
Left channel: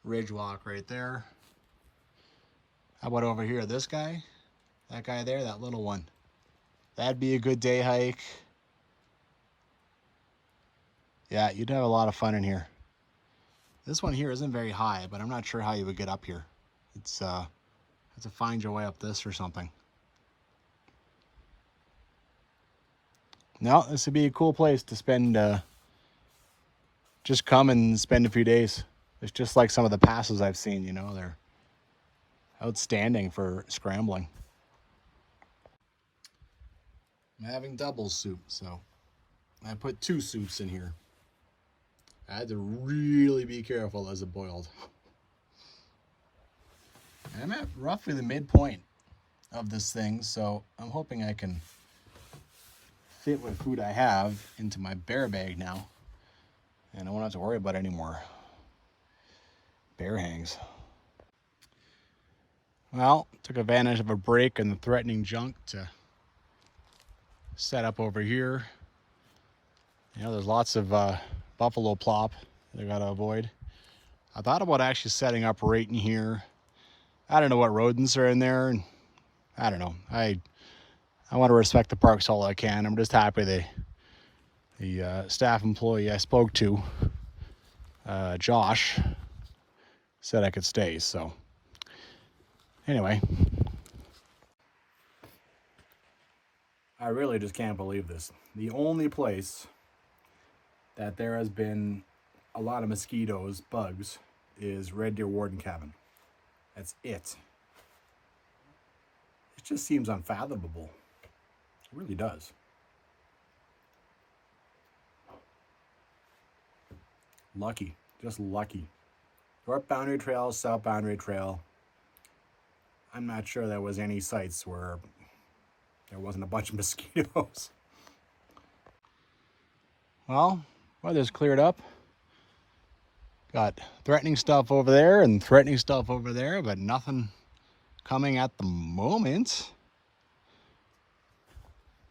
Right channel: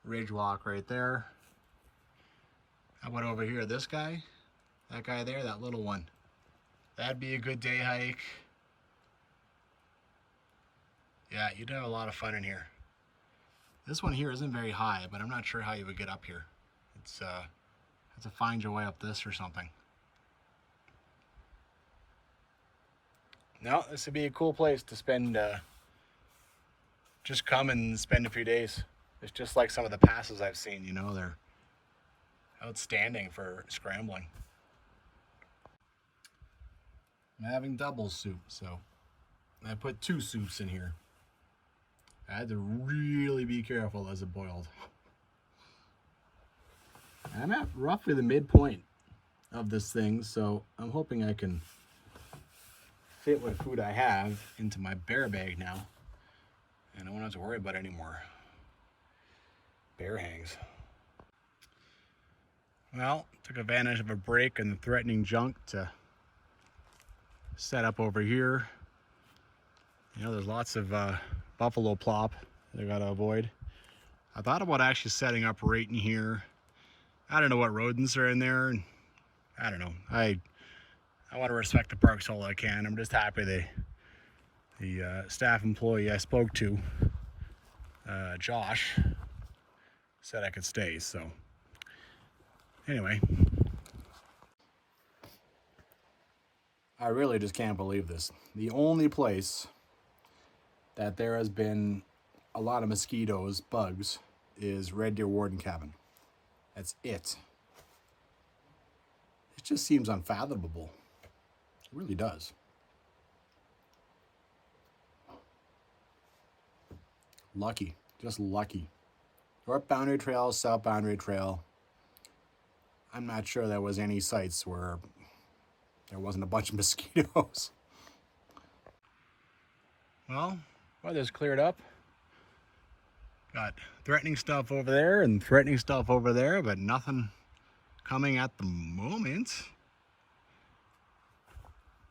ridge walk right there. How about over here, this guy? That guy there, that little one. That'd be a good day hike. Yeah, you'd have a lot of fun in here. This one here isn't very high, but I'm not sure how you would get up here. It's have to find your way up this or something. No, this would be a cool place to spend just come and spend a few days. It's just like some of the passes I've seen, you know, they're outstanding for scrambling. I'm having double soup, so I put 2 soups in here. I had to really be careful as it boiled. I'm at roughly the midpoint of this thing, so I'm hoping I can fit what food I have into my bear bag now, and I won't have to worry about any more bear hangs. Well, took advantage of a break in the threatening junk to set up over here. You know, there's lots of buffalo plop that I gotta avoid. I thought about actually setting up right in here. I don't know what rodents are in there, and I don't know. I want to respect the parks all I can. I'm just happy the staff employee I spoke to, Josh, said I could stay. So anyway, I really just can't believe this. The only place that there has been a lot of mosquitoes, bugs, is Red Deer-Warden cabin. That's it. It just seems unfathomable. It really does. Lucky, just lucky. North Boundary Trail, South Boundary Trail. I'm not sure there was any sites where there wasn't a bunch of mosquitoes. Well, weather's cleared up. Got threatening stuff over there and threatening stuff over there, but nothing coming at the moment.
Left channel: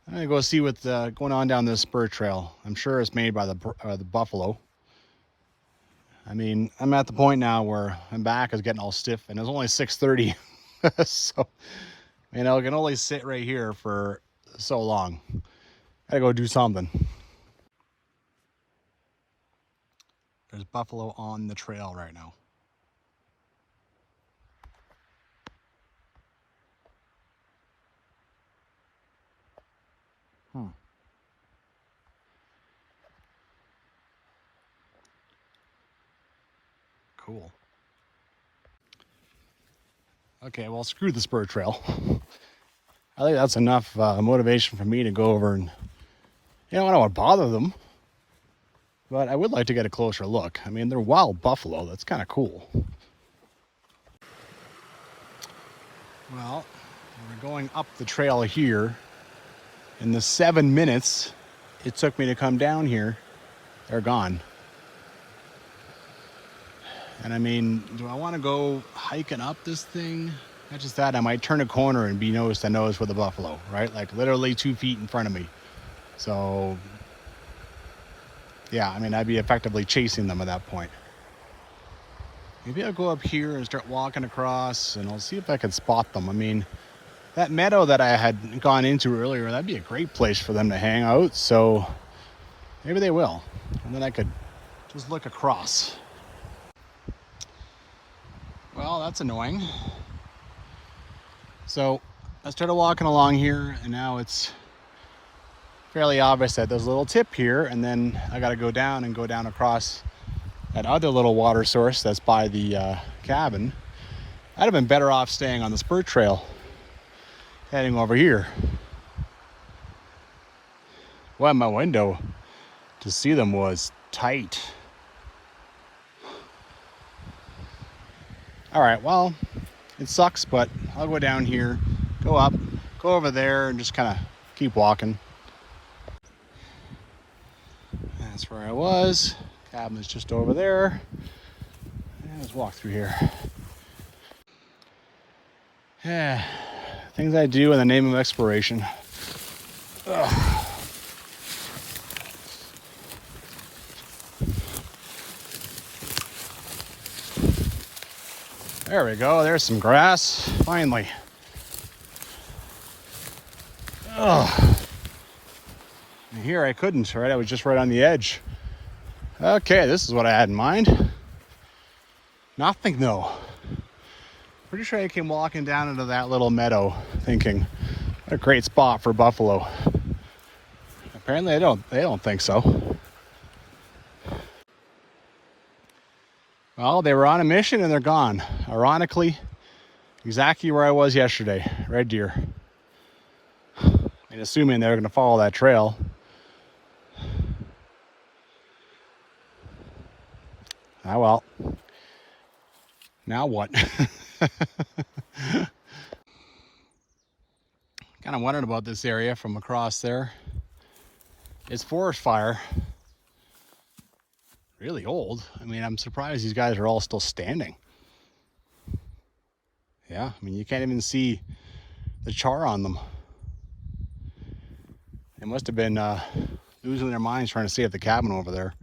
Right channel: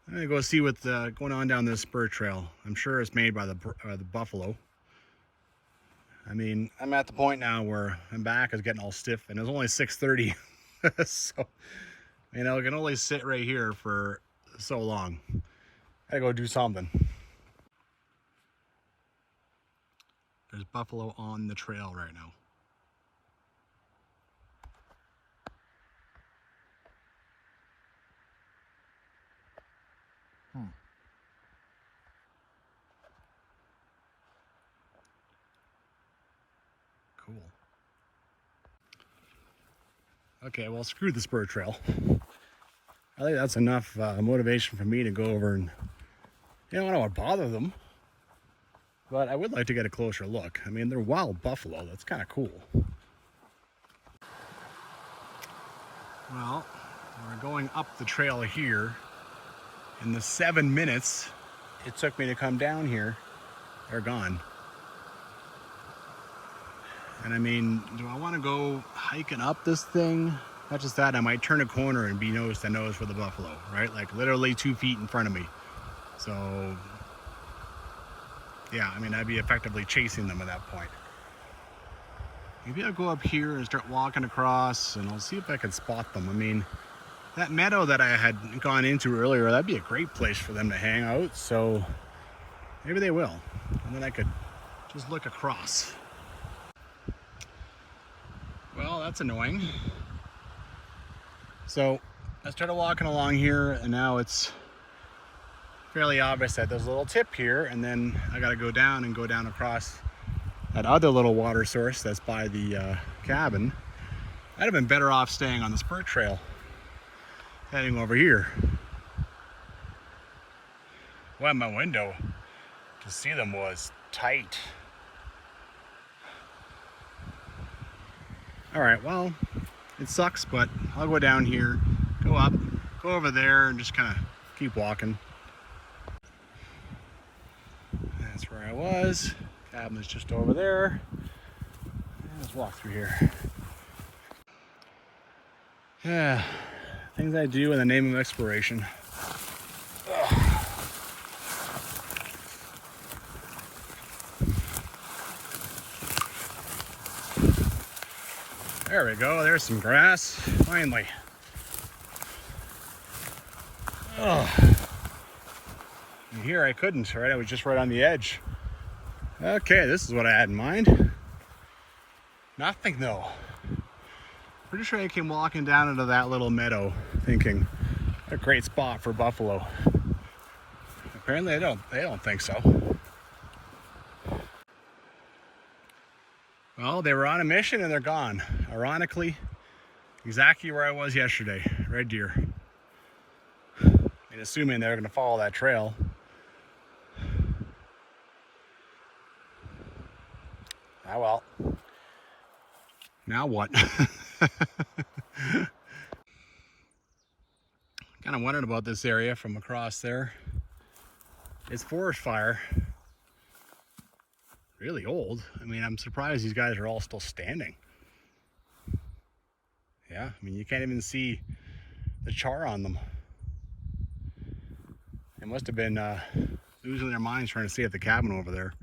I'm gonna go see what's going on down this spur trail. I'm sure it's made by the buffalo. I mean, I'm at the point now where my back is getting all stiff, and it's only 6:30, so you know I can only sit right here for so long. Gotta go do something. There's buffalo on the trail right now. Cool. Okay, well, screw the spur trail. I think that's enough motivation for me to go over and, you know, I don't want to bother them, but I would like to get a closer look. I mean, they're wild buffalo. That's kind of cool. Well, we're going up the trail here. In the 7 minutes it took me to come down here, they're gone. And I mean, do I want to go hiking up this thing? Not just that, I might turn a corner and be nose to nose with a buffalo, right? Like literally 2 feet in front of me. So yeah, I mean, I'd be effectively chasing them at that point. Maybe I'll go up here and start walking across, and I'll see if I can spot them. I mean, that meadow that I had gone into earlier, that'd be a great place for them to hang out. So maybe they will. And then I could just look across. Well, that's annoying. So I started walking along here, and now it's fairly obvious that there's a little tip here, and then I got to go down across that other little water source that's by the cabin. I'd have been better off staying on the spur trail, heading over here. Well, my window to see them was tight. All right, well, it sucks, but I'll go down here, go up, go over there, and just kind of keep walking. That's where I was. Cabin is just over there. Let's walk through here. Yeah, things I do in the name of exploration. Ugh. There we go, there's some grass, finally. Oh. Here I couldn't, right? I was just right on the edge. Okay, this is what I had in mind. Nothing though. Pretty sure I came walking down into that little meadow thinking, a great spot for buffalo. Apparently they don't think so. Well, they were on a mission and they're gone. Ironically, exactly where I was yesterday, Red Deer. And assuming they're going to follow that trail. Ah, well. Now what? Kind of wondering about this area from across there. It's forest fire. Really old. I mean, I'm surprised these guys are all still standing. Yeah, I mean, you can't even see the char on them. They must have been losing their minds trying to stay at the cabin over there.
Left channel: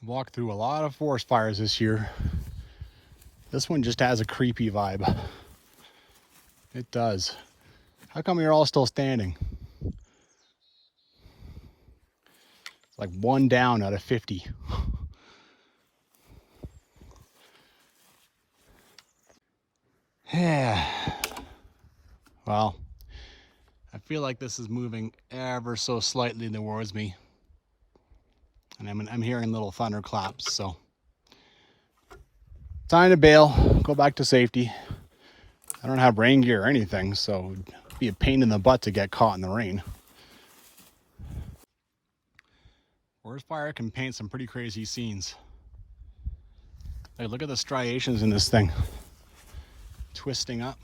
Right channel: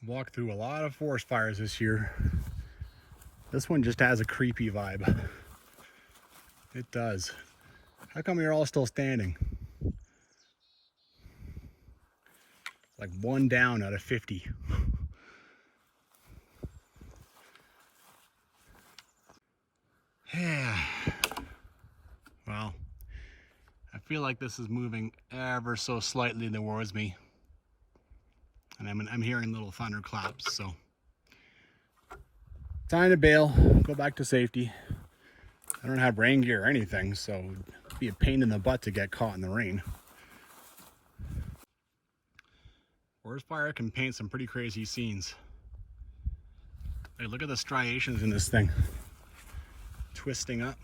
I've walked through a lot of forest fires this year. This one just has a creepy vibe. It does. How come you're all still standing? Like 1 down out of 50. Yeah. Well, I feel like this is moving ever so slightly towards me. And I'm hearing little thunderclaps, so. Time to bail, go back to safety. I don't have rain gear or anything, so it'd be a pain in the butt to get caught in the rain. Forest fire can paint some pretty crazy scenes. Hey, look at the striations in this thing. Twisting up.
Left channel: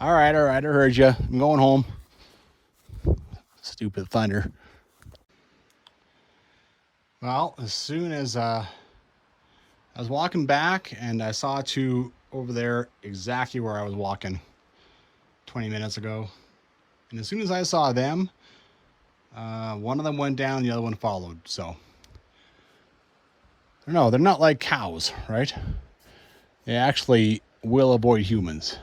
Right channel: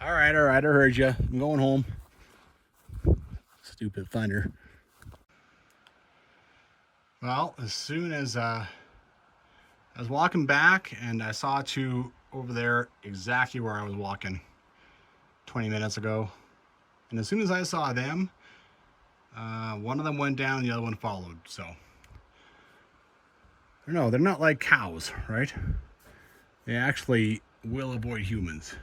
All right, I heard you. I'm going home. Stupid thunder. Well, as soon as I was walking back and I saw two over there exactly where I was walking 20 minutes ago. And as soon as I saw them, one of them went down, the other one followed. So, I don't know, they're not like cows, right? They actually will avoid humans.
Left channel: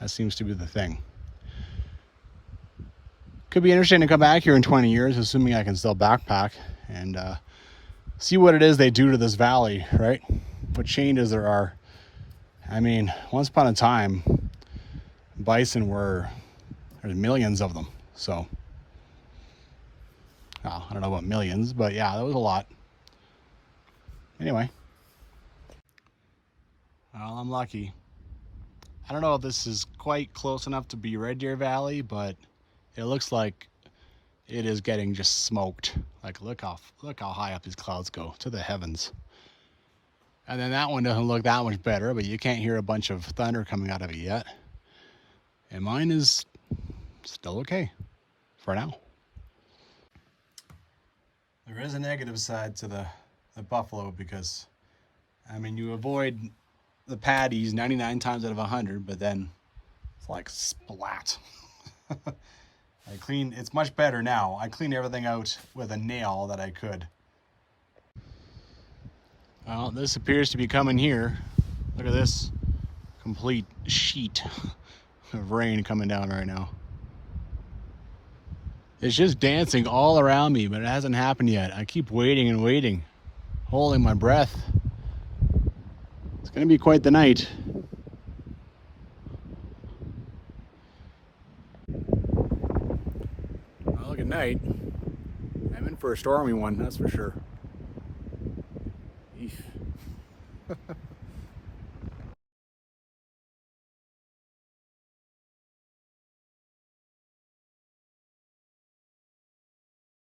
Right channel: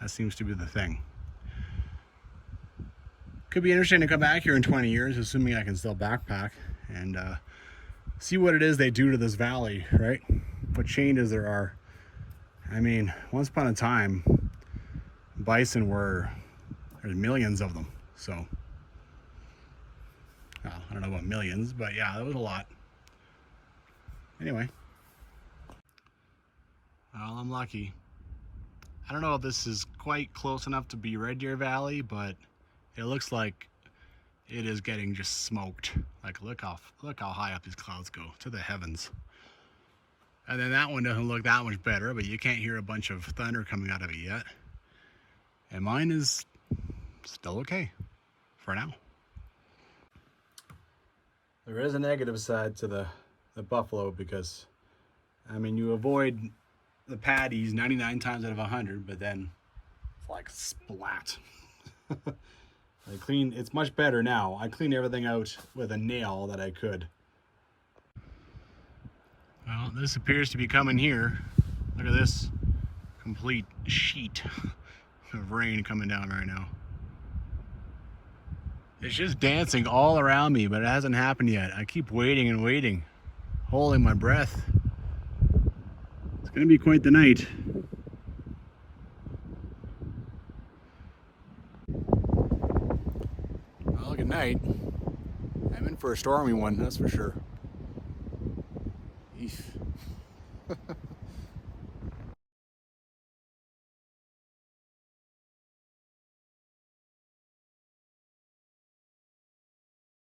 That seems to be the thing. Could be interesting to come back here in 20 years, assuming I can still backpack, and see what it is they do to this valley, right? What changes there are. I mean, once upon a time, bison there's millions of them, so. Oh, I don't know about millions, but yeah, that was a lot. Anyway. Well, I'm lucky. I don't know if this is quite close enough to be Red Deer Valley, but it looks like it is getting just smoked. Like, look how high up these clouds go, to the heavens. And then that one doesn't look that much better, but you can't hear a bunch of thunder coming out of it yet. And mine is still okay for now. There is a negative side to the buffalo because, I mean, you avoid the patties 99 times out of 100, but then it's like splat. It's much better now. I cleaned everything out with a nail that I could. Well, this appears to be coming here. Look at this complete sheet of rain coming down right now. It's just dancing all around me, but it hasn't happened yet. I keep waiting and waiting, holding my breath. It's gonna be quite the night. Well, good night. I'm in for a stormy one, that's for sure. Eesh.